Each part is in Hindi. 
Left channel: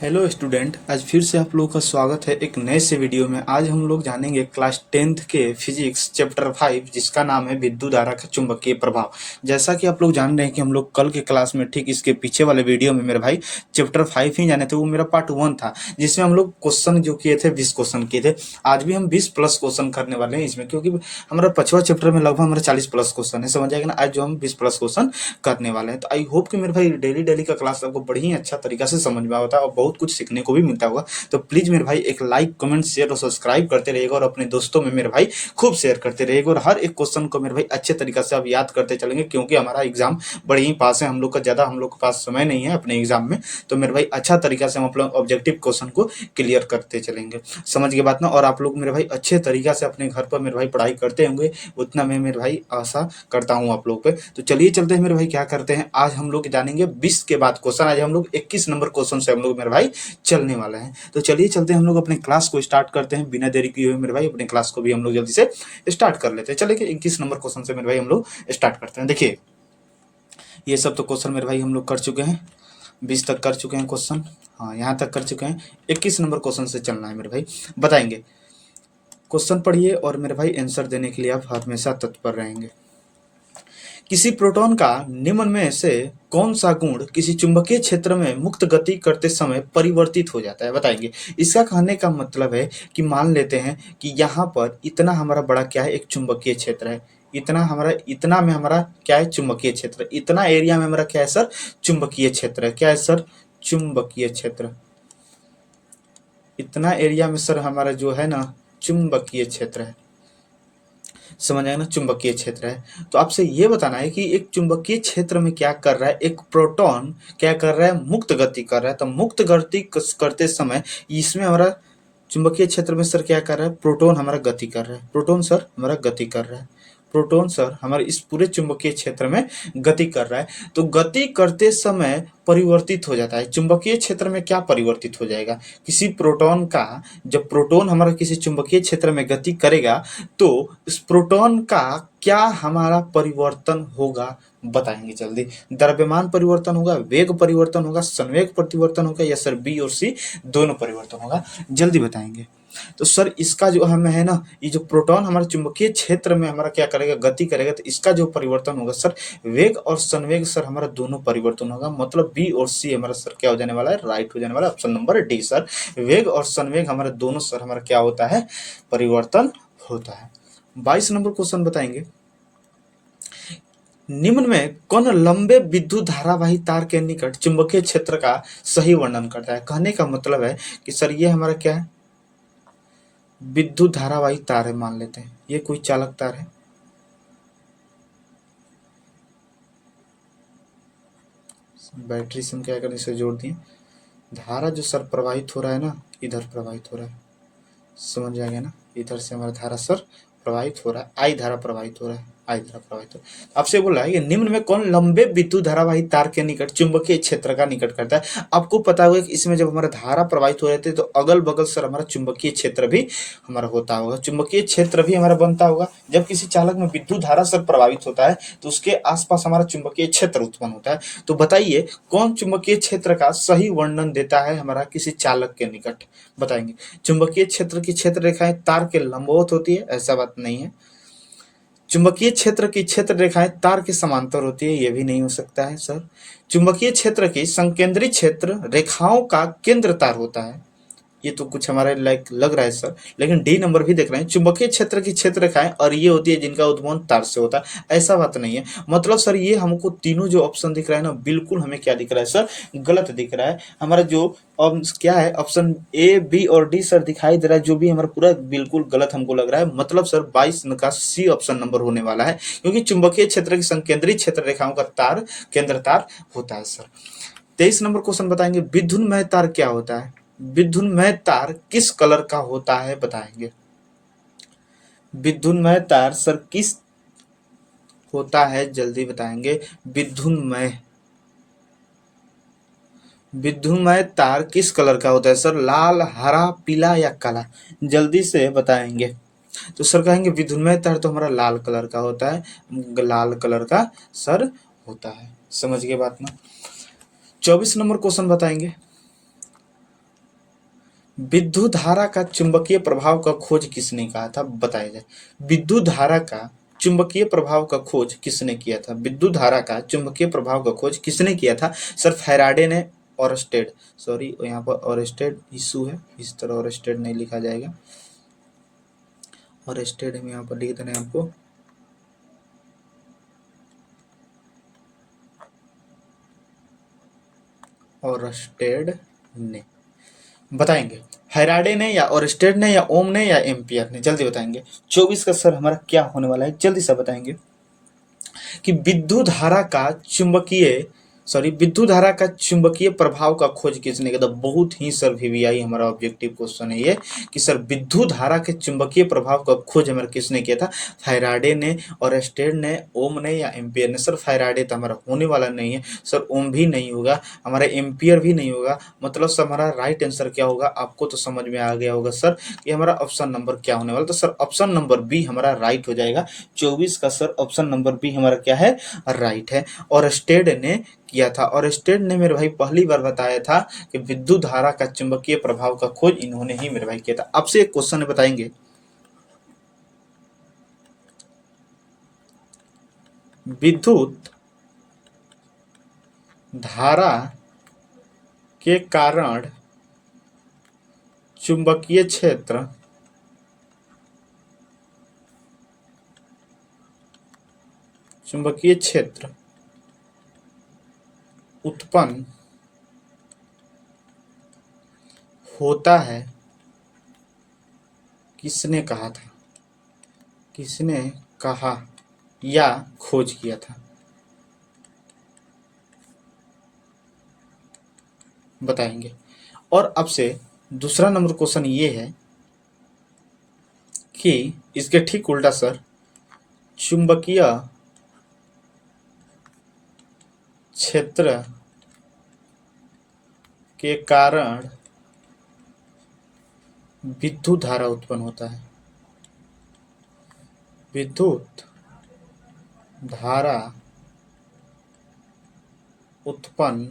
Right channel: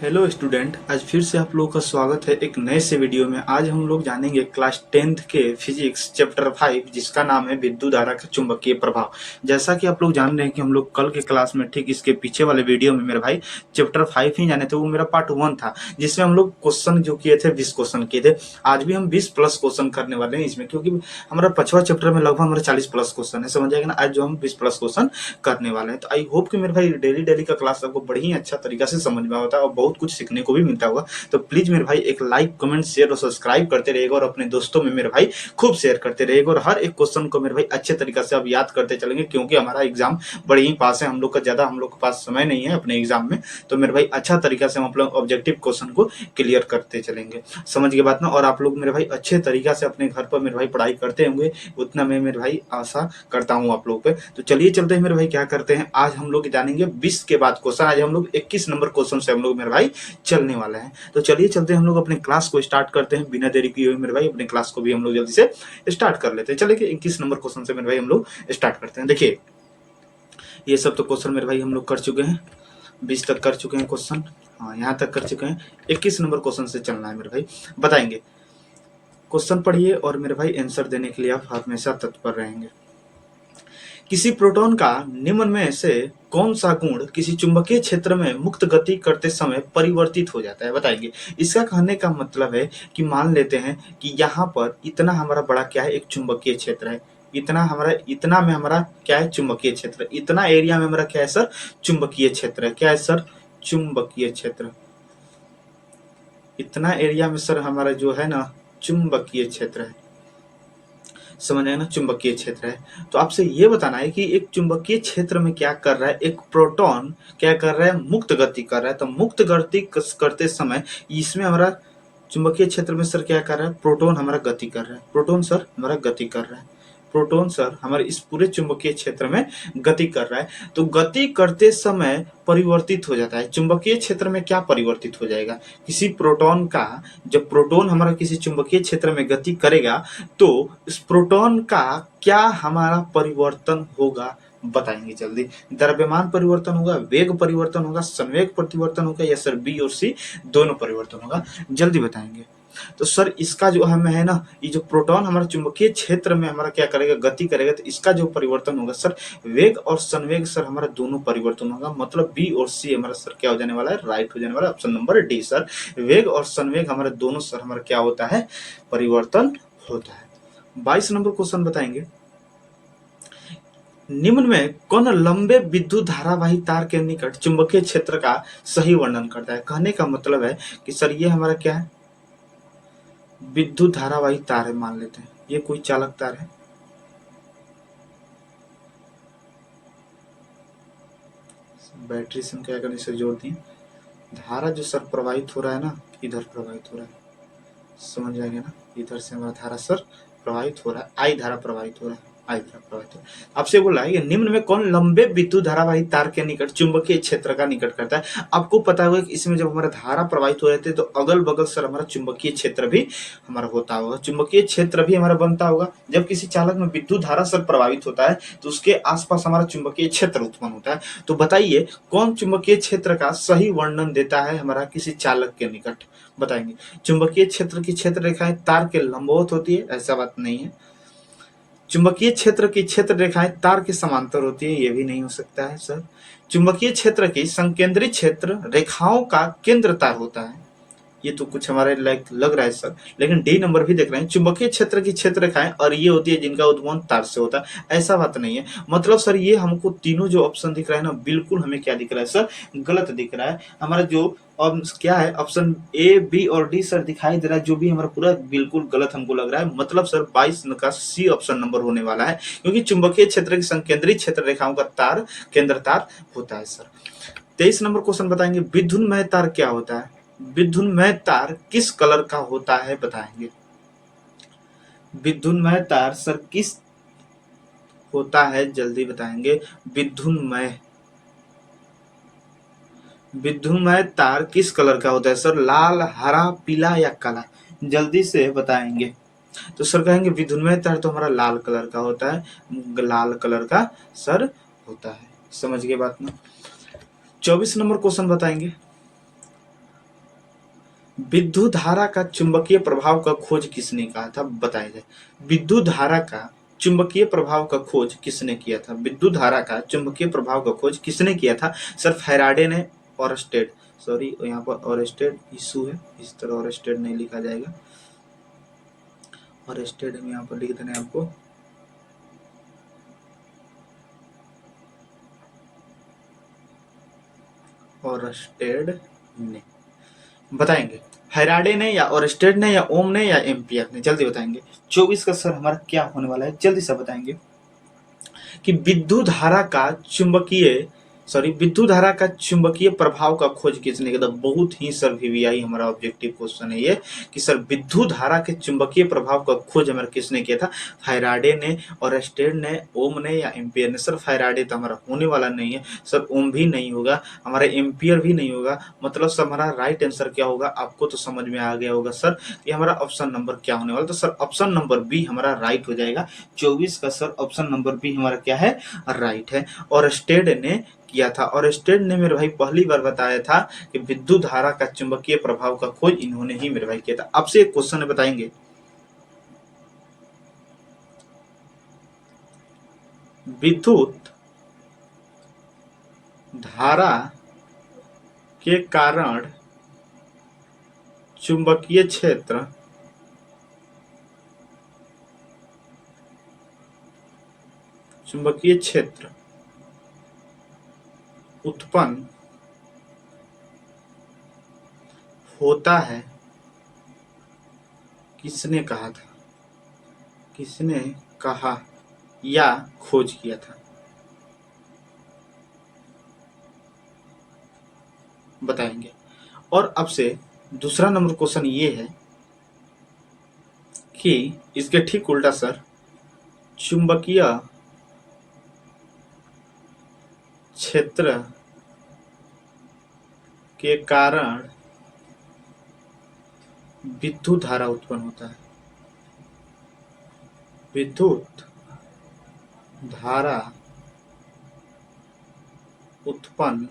हेलो स्टूडेंट, आज फिर से आप लोगों का स्वागत है एक नए से वीडियो में। आज हम लोग जानेंगे क्लास 10th के फिजिक्स चैप्टर 5 जिसका नाम है विद्युत धारा का चुंबकीय प्रभाव। जैसा कि आप लोग जान रहे हैं कि हम लोग कल के क्लास में ठीक इसके पीछे वाले वीडियो में मेरे भाई चैप्टर 5 ही जाने थे। वो मेरा पार्ट 1 था जिसमें हम लोग क्वेश्चन जो किए थे 20 क्वेश्चन किए थे। आज भी हम 20 प्लस क्वेश्चन करने वाले हैं इसमें, क्योंकि हमारा 5वां चैप्टर में लगभग हमारा 40 प्लस क्वेश्चन है, समझ आएगा ना। आज जो हम 20 प्लस क्वेश्चन करने वाले हैं, तो आई होप कि मेरे भाई डेली डेली का क्लास आपको बड़ी ही अच्छा तरीका से समझ में आता है और बहुत कुछ सीखने को भी मिलता होगा। तो प्लीज मेरे भाई एक लाइक कमेंट शेयर और सब्सक्राइब करते रहिएगा और अपने दोस्तों में मेरे भाई खूब शेयर करते रहिएगा। और हर एक क्वेश्चन को मेरे भाई अच्छे तरीके से आप याद करते चलेंगे, क्योंकि हमारा एग्जाम बड़े ही पास है। हम लोग के पास समय नहीं है अपने एग्जाम में, तो मेरे भाई अच्छा तरीका से हम अपने ऑब्जेक्टिव क्वेश्चन को क्लियर करते चलेंगे। समझ के बात ना। और आप लोग मेरे भाई अच्छे तरीका से अपने घर पर मेरे भाई पढ़ाई करते होंगे, उतना मैं मेरे भाई आशा करता हूँ आप लोग पे। तो चलिए चलते हैं मेरे भाई, क्या करते हैं आज हम लोग जानेंगे 20 के बाद क्वेश्चन। आज हम लोग 21 नंबर क्वेश्चन से हम लोग मेरे भाई चलने वाले हैं। तो चलिए चलते हैं हम लोग अपने क्लास को स्टार्ट करते हैं बिना देरी किए हुए मेरे भाई। अपने क्लास को भी हम लोग जल्दी से स्टार्ट कर लेते हैं। चलिए 21 नंबर क्वेश्चन से मेरे भाई हम लोग स्टार्ट करते हैं। देखिए, ये सब तो क्वेश्चन मेरे भाई हम लोग कर चुके हैं, 20 तक कर चुके हैं क्वेश्चन। हाँ, यहाँ तक कर चुके हैं। 21 नंबर क्वेश्चन से चलना है मेरे भाई। बताएंगे, क्वेश्चन पढ़िए और मेरे भाई आंसर देने के लिए आप हमेशा तत्पर रहेंगे। किसी प्रोटॉन का निम्न में से कौन सा गुण किसी चुंबकीय क्षेत्र में मुक्त गति करते समय परिवर्तित हो जाता है? बताएंगे। इसका कहने का मतलब है कि मान लेते हैं कि यहाँ पर इतना हमारा बड़ा क्या है, एक चुंबकीय क्षेत्र है। इतना में हमारा क्या है, चुंबकीय क्षेत्र। इतना एरिया में हमारा क्या है सर, चुंबकीय क्षेत्र है। क्या है सर, चुंबकीय क्षेत्र। इतना एरिया में सर हमारा जो है ना चुंबकीय क्षेत्र है। समझ आए ना, चुंबकीय क्षेत्र है। तो आपसे ये बताना है कि एक चुंबकीय क्षेत्र में क्या कर रहा है, एक प्रोटॉन क्या कर रहा है, मुक्त गति कर रहा है। तो मुक्त गति करते समय इसमें हमारा चुंबकीय क्षेत्र में सर क्या कर रहा है, प्रोटॉन हमारा गति कर रहा है। प्रोटॉन सर हमारा गति कर रहा है। प्रोटॉन सर हमारे इस पूरे चुंबकीय क्षेत्र में गति कर रहा है। तो गति करते समय परिवर्तित हो जाता है। चुंबकीय क्षेत्र में क्या परिवर्तित हो जाएगा, किसी प्रोटॉन का, जब प्रोटॉन हमारा किसी चुंबकीय क्षेत्र में गति करेगा तो इस प्रोटॉन का क्या हमारा परिवर्तन होगा? बताएंगे जल्दी। द्रव्यमान परिवर्तन होगा, वेग परिवर्तन होगा, संवेग परिवर्तन होगा, या सर बी और सी दोनों परिवर्तन होगा? जल्दी बताएंगे। तो सर इसका जो हमें है ना, ये जो प्रोटॉन हमारे चुंबकीय क्षेत्र में हमारा क्या करेगा, गति करेगा, तो इसका जो परिवर्तन होगा सर, वेग और संवेग सर हमारा दोनों परिवर्तन होगा। मतलब बी और सी हमारा सर क्या हो जाने वाला है, राइट हो जाने वाला है। ऑप्शन नंबर डी सर, वेग और संवेग हमारे दोनों सर हमारा क्या होता है, परिवर्तन होता है। 22 नंबर क्वेश्चन बताएंगे। निम्न में कौन लंबे विद्युत धारावाही तार के निकट चुंबकीय क्षेत्र का सही वर्णन करता है? कहने का मतलब है कि सर ये हमारा क्या है, विद्युत धारावाही तार है। मान लेते हैं ये कोई चालक तार है। बैटरी से हम क्या करें, इसे जोड़ दिए। धारा जो सर प्रवाहित हो रहा है ना, इधर प्रवाहित हो रहा है। समझ जाएंगे ना, इधर से हमारा धारा सर प्रवाहित हो रहा है, आई धारा प्रवाहित हो रहा है, आई धारा प्रवाहित हो रहा है। आपसे बोला है कि निम्न में कौन लंबे विद्युत धारावाही तार के निकट चुंबकीय क्षेत्र का निकट करता है? आपको पता होगा कि इसमें जब हमारा धारा प्रवाहित हो रहे थे तो अगल बगल सर हमारा चुंबकीय क्षेत्र भी हमारा होता होगा, चुंबकीय क्षेत्र भी हमारा बनता होगा। जब किसी चालक में विद्युत धारा सर प्रभावित होता है तो उसके आसपास हमारा चुंबकीय क्षेत्र उत्पन्न होता है। तो बताइए कौन चुंबकीय क्षेत्र का सही वर्णन देता है हमारा किसी चालक के निकट? बताएंगे। चुंबकीय क्षेत्र की क्षेत्र रेखाएं तार के लंबवत होती है, ऐसा बात नहीं है। चुंबकीय क्षेत्र की क्षेत्र रेखाएं तार के समांतर होती है, ये भी नहीं हो सकता है सर। चुंबकीय क्षेत्र की संकेंद्रित क्षेत्र रेखाओं का केंद्र तार होता है, ये तो कुछ हमारे लाइक लग रहा है सर। लेकिन डी नंबर भी देख रहे हैं, चुंबकीय क्षेत्र की क्षेत्र रेखाएं और ये होती है जिनका उद्भवन तार से होता है, ऐसा बात नहीं है। मतलब सर ये हमको तीनों जो ऑप्शन दिख रहा है ना, बिल्कुल हमें क्या दिख रहा है सर, गलत दिख रहा है। हमारा जो क्या है, ऑप्शन ए बी और डी सर दिखाई दे रहा है, जो भी हमारा पूरा बिल्कुल गलत हमको लग रहा है। मतलब सर 22 का सी ऑप्शन नंबर होने वाला है, क्योंकि चुंबकीय क्षेत्र की संकेंद्रित क्षेत्र रेखाओं का तार केंद्र तार होता है सर। 23 नंबर क्वेश्चन बताएंगे, विद्युन्मय तार क्या होता है? विद्युन्मय तार किस कलर का होता है? बताएंगे। विद्युन्मय तार सर किस होता है, जल्दी बताएंगे। विद्युन्मय विद्युन्मय तार किस कलर का होता है सर? लाल, हरा, पीला या काला? जल्दी से बताएंगे। तो सर कहेंगे विद्युन्मय तार तो हमारा लाल कलर का होता है, लाल कलर का सर होता है। समझ गए बात ना। 24 नंबर क्वेश्चन बताएंगे। विद्युत धारा का चुंबकीय प्रभाव का खोज किसने कहा था, बताया जाए। विद्युत धारा का चुंबकीय प्रभाव का खोज किसने किया था, विद्युत धारा का चुंबकीय प्रभाव का खोज किसने किया था सर, फैराडे ने। ओरस्टेड, सॉरी यहाँ पर ओरस्टेड इशू है, इस तरह ओरस्टेड नहीं लिखा जाएगा, ओरस्टेड हम यहाँ पर लिख देना है आपको। ओरस्टेड ने, बताएंगे फैराडे ने या ओरस्टेड ने या ओम ने या एम्पियर ने, जल्दी बताएंगे। 24 का सर हमारा क्या होने वाला है, जल्दी से बताएंगे कि विद्युत धारा का चुंबकीय, सॉरी विद्युत धारा का चुंबकीय प्रभाव का खोज किसने किया था। बहुत ही सर वीवीआई हमारा ऑब्जेक्टिव क्वेश्चन है ये कि सर विद्युत धारा के चुंबकीय प्रभाव का खोज हमारा किसने किया था, फैराडे ने, ओरस्टेड ने, ओम ने या एम्पियर ने। सर फैराडे तो हमारा होने वाला नहीं है सर, ओम भी नहीं होगा, हमारा एम्पियर भी नहीं होगा, मतलब सर हमारा राइट आंसर क्या होगा आपको तो समझ में आ गया होगा सर कि हमारा ऑप्शन नंबर क्या होने वाला। तो सर ऑप्शन नंबर बी हमारा राइट हो जाएगा। 24 का सर ऑप्शन नंबर बी हमारा क्या है, राइट है। और स्टेड ने किया था, और स्टेड ने मेरे भाई पहली बार बताया था कि विद्युत धारा का चुंबकीय प्रभाव का खोज इन्होंने ही मेरे भाई किया था। आपसे एक क्वेश्चन बताएंगे, विद्युत धारा के कारण चुंबकीय क्षेत्र उत्पन्न होता है, किसने कहा था, किसने कहा या खोज किया था, बताएंगे। और अब से दूसरा नंबर क्वेश्चन ये है कि इसके ठीक उल्टा सर, चुंबकीय क्षेत्र के कारण विद्युत धारा उत्पन्न होता है, विद्युत धारा उत्पन्न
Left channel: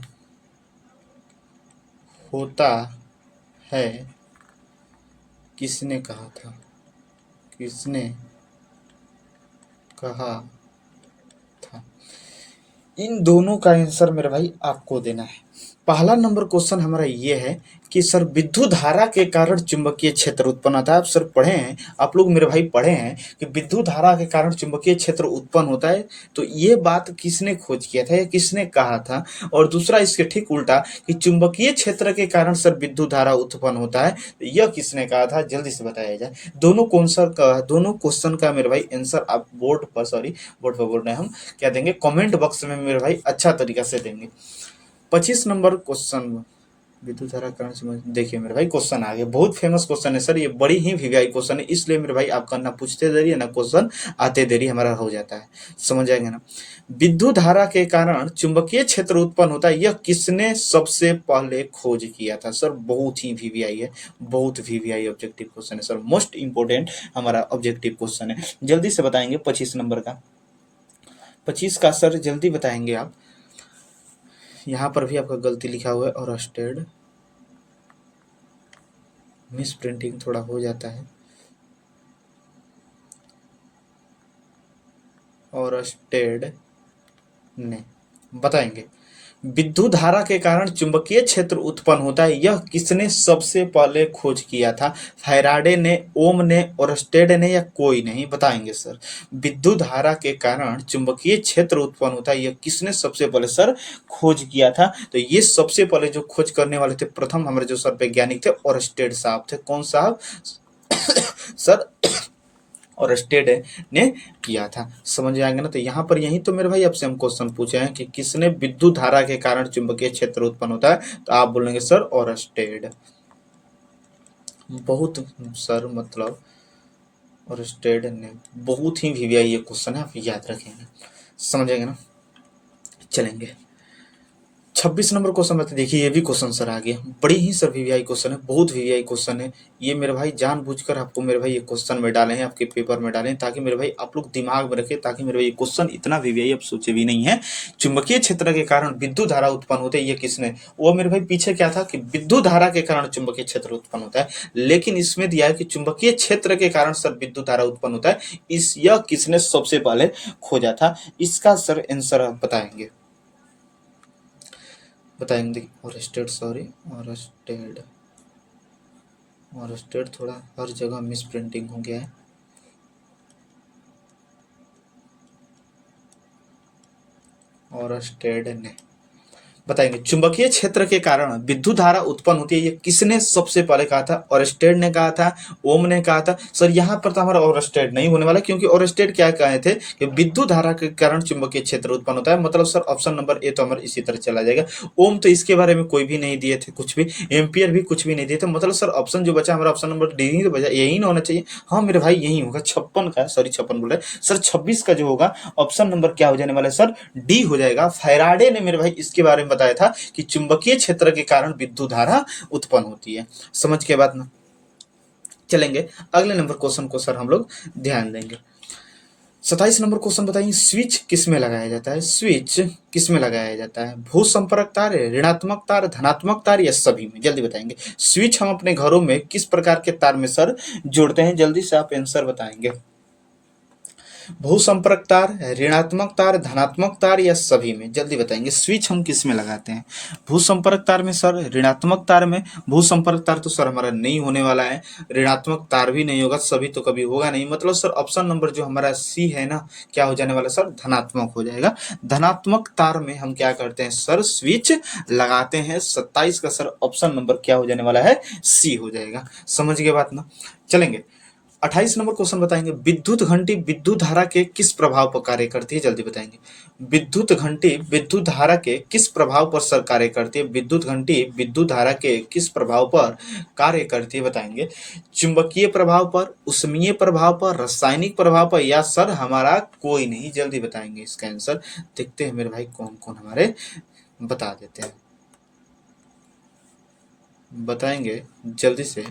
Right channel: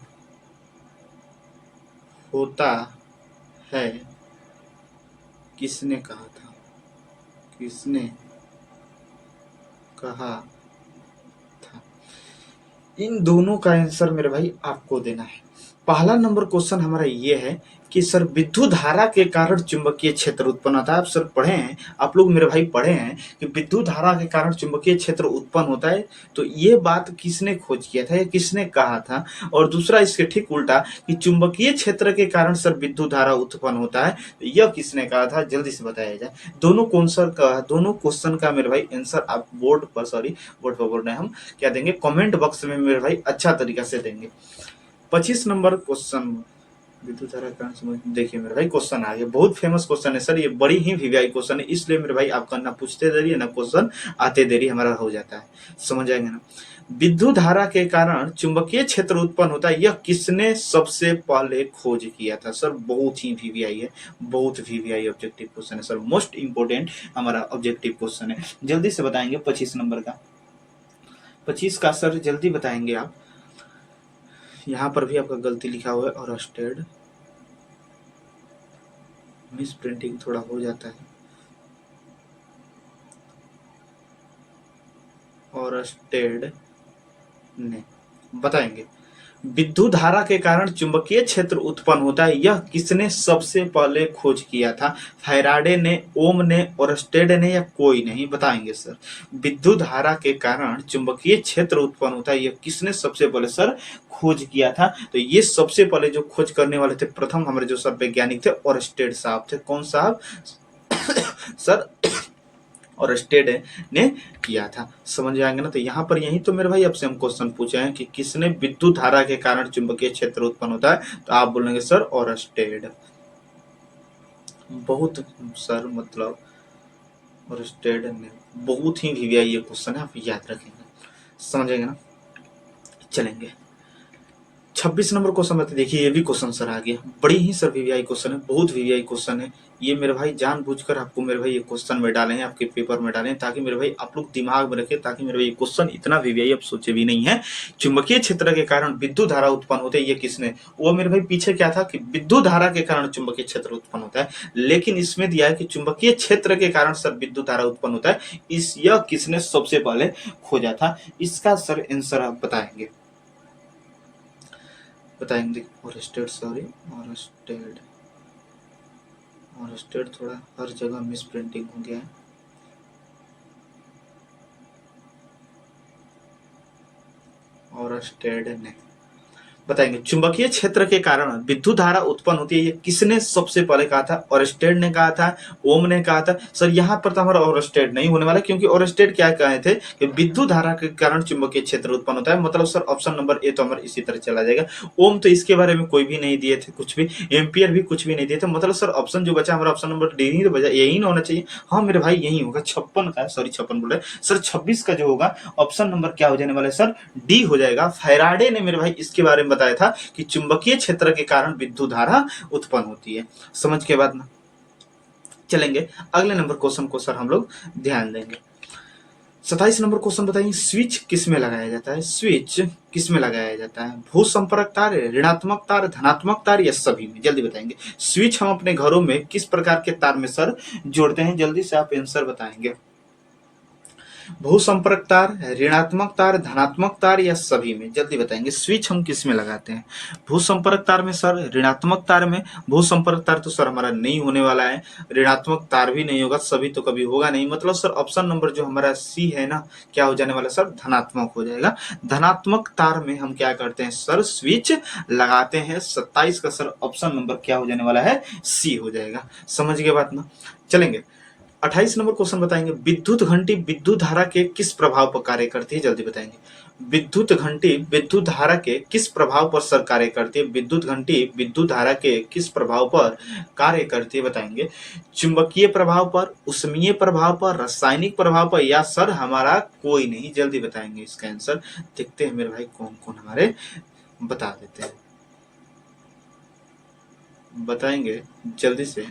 होता है, किसने कहा था, किसने कहा था। इन दोनों का आंसर मेरे भाई आपको देना है। पहला नंबर क्वेश्चन हमारा ये है कि सर विद्युत धारा के कारण चुंबकीय क्षेत्र उत्पन्न होता है। आप सर पढ़े हैं, आप लोग मेरे भाई पढ़े हैं कि विद्युत धारा के कारण चुंबकीय क्षेत्र उत्पन्न होता है, तो ये बात किसने खोज किया था या किसने कहा था। और दूसरा इसके ठीक उल्टा कि चुंबकीय क्षेत्र के कारण सर विद्युत धारा उत्पन्न होता है, तो यह किसने कहा था, जल्दी से बताया जाए। दोनों क्वेश्चन का मेरे भाई आंसर आप बोर्ड पर, सॉरी बोर्ड पर बोल रहे हैं हम, क्या देंगे, कमेंट बॉक्स में मेरे भाई अच्छा तरीका से देंगे। 25 नंबर क्वेश्चन, विद्युत धारा कारण से, देखिए मेरे भाई क्वेश्चन आ गया, बहुत फेमस क्वेश्चन है सर, ये बड़ी ही वीवीआई क्वेश्चन है, इसलिए मेरे भाई आपका ना पूछते देरी है ना क्वेश्चन आते देरी हमारा हो जाता है, समझ आएंगे ना। विद्युत धारा के कारण चुंबकीय क्षेत्र उत्पन्न होता है, यह किसने सबसे पहले खोज किया था। सर बहुत ही वीवीआई है, बहुत वीवीआई ऑब्जेक्टिव क्वेश्चन है सर, मोस्ट इंपोर्टेंट हमारा ऑब्जेक्टिव क्वेश्चन है। जल्दी से बताएंगे 25 नंबर का, 25 का सर जल्दी बताएंगे आप। यहाँ पर भी आपका गलती लिखा हुआ है, और स्टेड मिस प्रिंटिंग थोड़ा हो जाता है, और स्टेड ने, बताएंगे विद्युत धारा के कारण चुंबकीय क्षेत्र उत्पन्न होता है, यह किसने सबसे पहले खोज किया था। फैराडे ने, ओम ने, ओरस्टेड ने या कोई नहीं, बताएंगे सर। विद्युत धारा के कारण चुंबकीय क्षेत्र उत्पन्न होता है, यह किसने सबसे पहले सर खोज किया था। तो ये सबसे पहले जो खोज करने वाले थे प्रथम हमारे जो सर वैज्ञानिक थे, ओरस्टेड साहब थे। कौन साहब सर, और स्टेड ने किया था, समझ आएंगे ना। तो यहाँ पर यही तो मेरे भाई आपसे हम क्वेश्चन पूछे हैं कि किसने विद्युत धारा के कारण चुंबकीय क्षेत्र उत्पन्न होता है, तो आप बोलेंगे सर और स्टेड। बहुत सर मतलब, और स्टेड ने, बहुत ही वीवीआई ये क्वेश्चन है, आप याद रखेंगे, समझेंगे ना। चलेंगे 26 नंबर क्वेश्चन बता, देखिए ये भी क्वेश्चन सर आ गया, बड़ी ही सर वीवीआई क्वेश्चन है, बहुत वीवीआई क्वेश्चन है ये मेरे भाई, जानबूझकर आपको मेरे भाई ये क्वेश्चन में डाले हैं, आपके पेपर में डाले हैं, ताकि मेरे भाई आप लोग दिमाग में रखें, ताकि मेरे भाई ये क्वेश्चन इतना वीवीआई आप सोचे भी नहीं है। चुंबकीय क्षेत्र के कारण विद्युत धारा उत्पन्न होते हैं, ये किसने, वो मेरे भाई पीछे क्या था कि विद्युत धारा के कारण चुंबकीय क्षेत्र उत्पन्न होता है, लेकिन इसमें दिया है कि चुंबकीय क्षेत्र के कारण सर विद्युत धारा उत्पन्न होता है, यह किसने सबसे पहले खोजा था, इसका सर आंसर आप बताएंगे, ओरस्टेड, सॉरी, ओरस्टेड, थोड़ा हर जगह मिस प्रिंटिंग हो गया है, ओरस्टेड ने, बताएंगे चुंबकीय क्षेत्र के कारण विद्युत धारा उत्पन्न होती है, ये किसने सबसे पहले कहा था, ओरस्टेड ने कहा था, ओम ने कहा था। सर यहाँ पर तो हमारा ओरस्टेड नहीं होने वाला, क्योंकि ओरस्टेड क्या कहे थे कि विद्युत धारा के कारण चुंबकीय क्षेत्र उत्पन्न होता है, मतलब सर ऑप्शन नंबर ए तो हमारा इसी तरह चला जाएगा। ओम तो इसके बारे में कोई भी नहीं दिए थे, कुछ भी एम्पियर भी कुछ भी नहीं दिए थे, मतलब सर ऑप्शन जो बचा हमारा ऑप्शन नंबर डी ही तो बचा, यही ना होना चाहिए। हाँ मेरे भाई यही होगा, 56 का, सॉरी 56 बोल रहे सर, 26 का जो होगा ऑप्शन नंबर क्या हो जाने वाला है सर, डी हो जाएगा। फैराडे ने मेरे भाई इसके बारे में बताया था कि चुंबकीय क्षेत्र के कारण विद्युत धारा उत्पन्न होती है। समझ के बाद ना चलेंगे अगले नंबर क्वेश्चन को सर हम लोग ध्यान देंगे। 27 नंबर क्वेश्चन बताइए, स्विच किस में लगाया जाता है, स्विच किस में लगाया जाता है, भू संपर्क तार, ऋणात्मक तार, धनात्मक तार या सभी में, जल्दी बताएंगे। स्विच हम अपने घरों में किस प्रकार के तार में सर जोड़ते हैं, जल्दी से आप आंसर बताएंगे। भू संपर्क तार, ऋणात्मक तार, धनात्मक तार या सभी में, जल्दी बताएंगे। स्विच हम किस में लगाते हैं, भू संपर्क तार में सर, ऋणात्मक तार में, भू संपर्क तार तो सर हमारा नहीं होने वाला है, ऋणात्मक तार भी नहीं होगा, सभी तो कभी होगा नहीं, मतलब सर ऑप्शन नंबर जो हमारा सी है ना, क्या हो जाने वाला सर, धनात्मक हो जाएगा। धनात्मक तार में हम क्या करते हैं सर, स्विच लगाते हैं। 27 का सर ऑप्शन नंबर क्या हो जाने वाला है, सी हो जाएगा। समझ गए बात ना, चलेंगे 28 नंबर क्वेश्चन बताएंगे, विद्युत घंटी विद्युत धारा के किस प्रभाव पर कार्य करती है, जल्दी बताएंगे। विद्युत घंटी विद्युत धारा के किस प्रभाव पर सर कार्य करती है, विद्युत घंटी विद्युत धारा के किस प्रभाव पर कार्य करती है, बताएंगे। चुंबकीय प्रभाव पर, उष्मीय प्रभाव पर, रासायनिक प्रभाव पर या सर हमारा कोई नहीं, जल्दी बताएंगे इसका आंसर। देखते हैं मेरे भाई कौन कौन हमारे बता देते हैं, बताएंगे जल्दी से।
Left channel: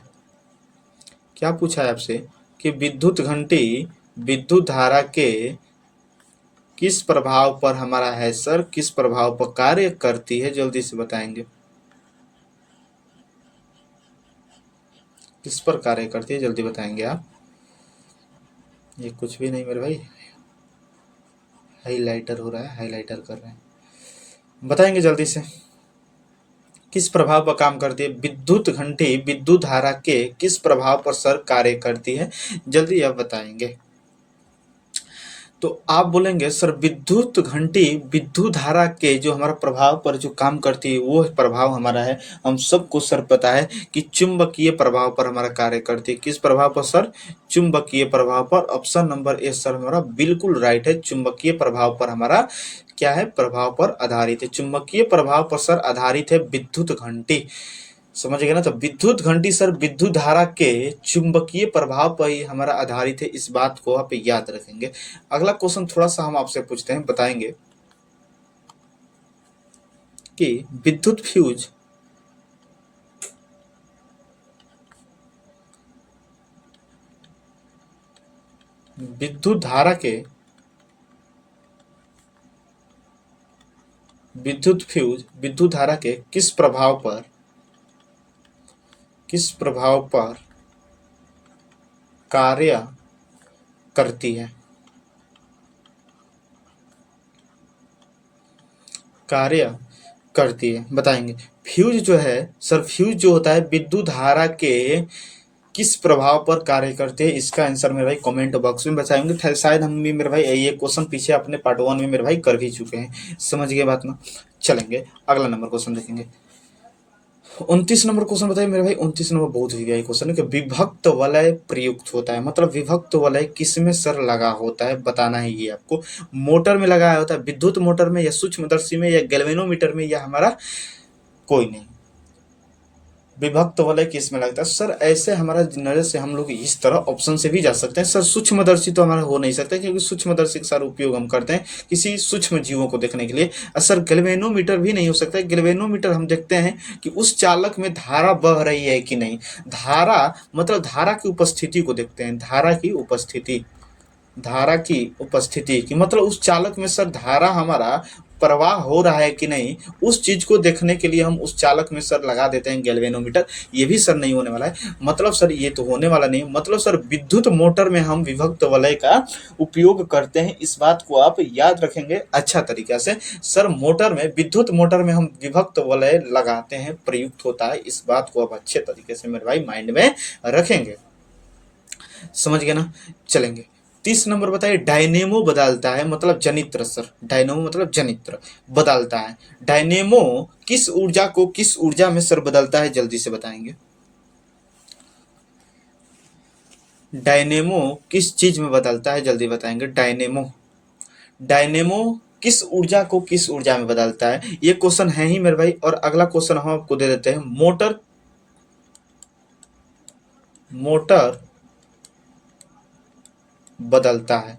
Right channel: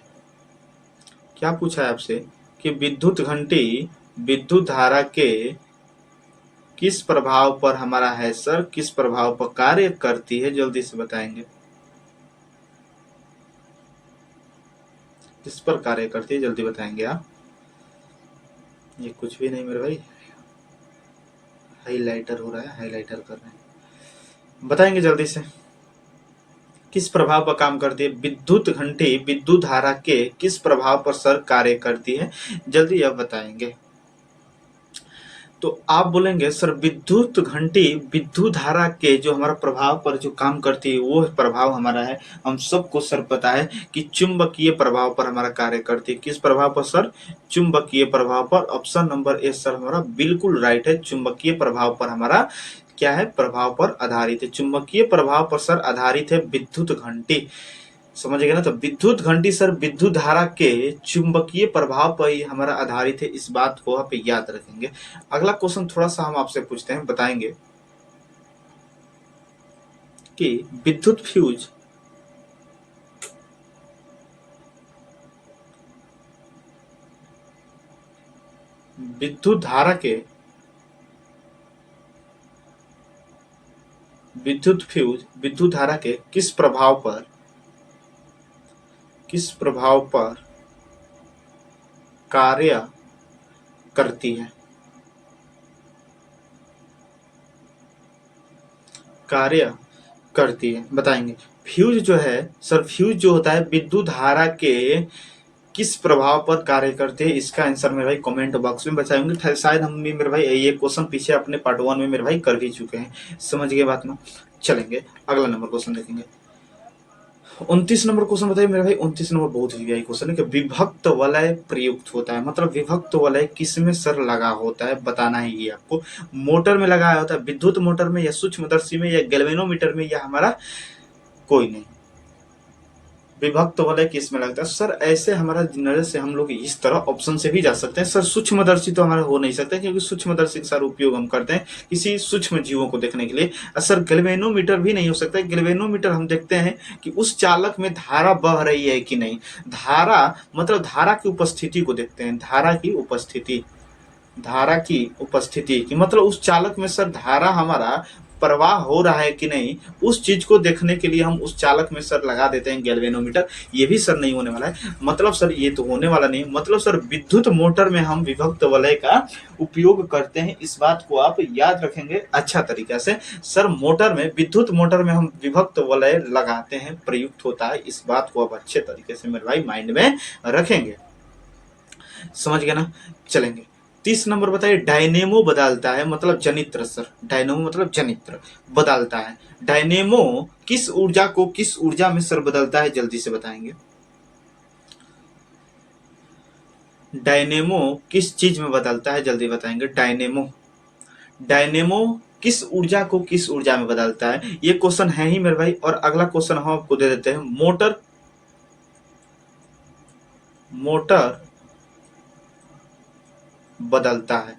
क्या पूछा है आपसे कि विद्युत घंटी विद्युत धारा के किस प्रभाव पर हमारा है सर, किस प्रभाव पर कार्य करती है, जल्दी से बताएंगे। किस पर कार्य करती है, जल्दी बताएंगे आप। ये कुछ भी नहीं मेरे भाई, हाइलाइटर हो रहा है, हाइलाइटर कर रहे हैं, बताएंगे जल्दी से। किस प्रभाव पर काम करती है, विद्युत घंटी विद्युत धारा के किस प्रभाव पर सर कार्य करती है, जल्दी आप बताएंगे। तो आप बोलेंगे सर विद्युत घंटी विद्युत धारा के जो हमारा प्रभाव पर जो काम करती है वो प्रभाव हमारा है, हम सबको सर पता है कि चुंबकीय प्रभाव पर हमारा कार्य करती है। किस प्रभाव पर सर, चुंबकीय प्रभाव पर। ऑप्शन नंबर ए सर हमारा बिल्कुल राइट है, चुंबकीय प्रभाव पर हमारा क्या है, प्रभाव पर आधारित है, चुंबकीय प्रभाव पर सर आधारित है विद्युत घंटी। समझ गए ना, तो विद्युत घंटी सर विद्युत धारा के चुंबकीय प्रभाव पर ही हमारा आधारित है, इस बात को आप याद रखेंगे। अगला क्वेश्चन थोड़ा सा हम आपसे पूछते हैं, बताएंगे कि विद्युत फ्यूज विद्युत धारा के विद्युत फ्यूज विद्युत धारा के किस प्रभाव पर कार्य करती है, कार्य करती है, बताएंगे। फ्यूज जो है सर, फ्यूज जो होता है विद्युत धारा के किस प्रभाव पर कार्य करते हैं, इसका आंसर मेरे भाई कमेंट बॉक्स में बताएंगे। शायद हम भी मेरे भाई ये क्वेश्चन पीछे अपने पार्ट 1 में मेरे भाई कर भी चुके हैं। समझ गए बात ना, चलेंगे अगला नंबर क्वेश्चन देखेंगे। 29 नंबर क्वेश्चन बताइए मेरे भाई। 29 नंबर बहुत ही क्वेश्चन है कि विभक्त वलय प्रयुक्त होता है, मतलब विभक्त वलय किसमें सर लगा होता है, बताना है ये आपको। मोटर में लगाया होता है, विद्युत मोटर में या सूक्ष्मदर्शी में या गैल्वेनोमीटर में या हमारा कोई नहीं, विभक्त वलय किस में लगता है? सर ऐसे हमारा नजर से हम लोग इस तरह ऑप्शन से भी जा सकते हैं सर। सूक्ष्मदर्शी तो हमारे हो नहीं सकते, क्योंकि सूक्ष्मदर्शी का सारा उपयोग हम करते हैं किसी सूक्ष्म जीवों को देखने के लिए। सर गैल्वेनोमीटर भी नहीं हो सकता। गैल्वेनोमीटर हम देखते हैं कि उस चालक में धारा बह रही है कि नहीं। धारा मतलब धारा की उपस्थिति को देखते हैं, धारा की उपस्थिति, धारा की उपस्थिति की मतलब उस चालक में सर धारा हमारा प्रवाह हो रहा है कि नहीं, उस चीज को देखने के लिए हम उस चालक में सर लगा देते हैं गैल्वेनोमीटर। ये भी सर नहीं होने वाला है। मतलब सर ये तो होने वाला नहीं। मतलब सर विद्युत मोटर में हम विभक्त वलय का उपयोग करते हैं, इस बात को आप याद रखेंगे अच्छा तरीका से। सर मोटर में, विद्युत मोटर में हम विभक्त वलय लगाते हैं, प्रयुक्त होता है, इस बात को आप अच्छे तरीके से मेरे भाई माइंड में रखेंगे। समझ गए ना? चलेंगे 30 नंबर बताइए। डायनेमो बदलता है मतलब जनित्र सर। डायनेमो मतलब जनित्र बदलता है। डायनेमो किस ऊर्जा को किस ऊर्जा में सर बदलता है, जल्दी से बताएंगे। डायनेमो किस चीज में बदलता है, जल्दी बताएंगे। डायनेमो, डायनेमो किस ऊर्जा को किस ऊर्जा में बदलता है, ये क्वेश्चन है ही मेरे भाई। और अगला क्वेश्चन हम आपको दे देते हैं। मोटर, मोटर बदलता है,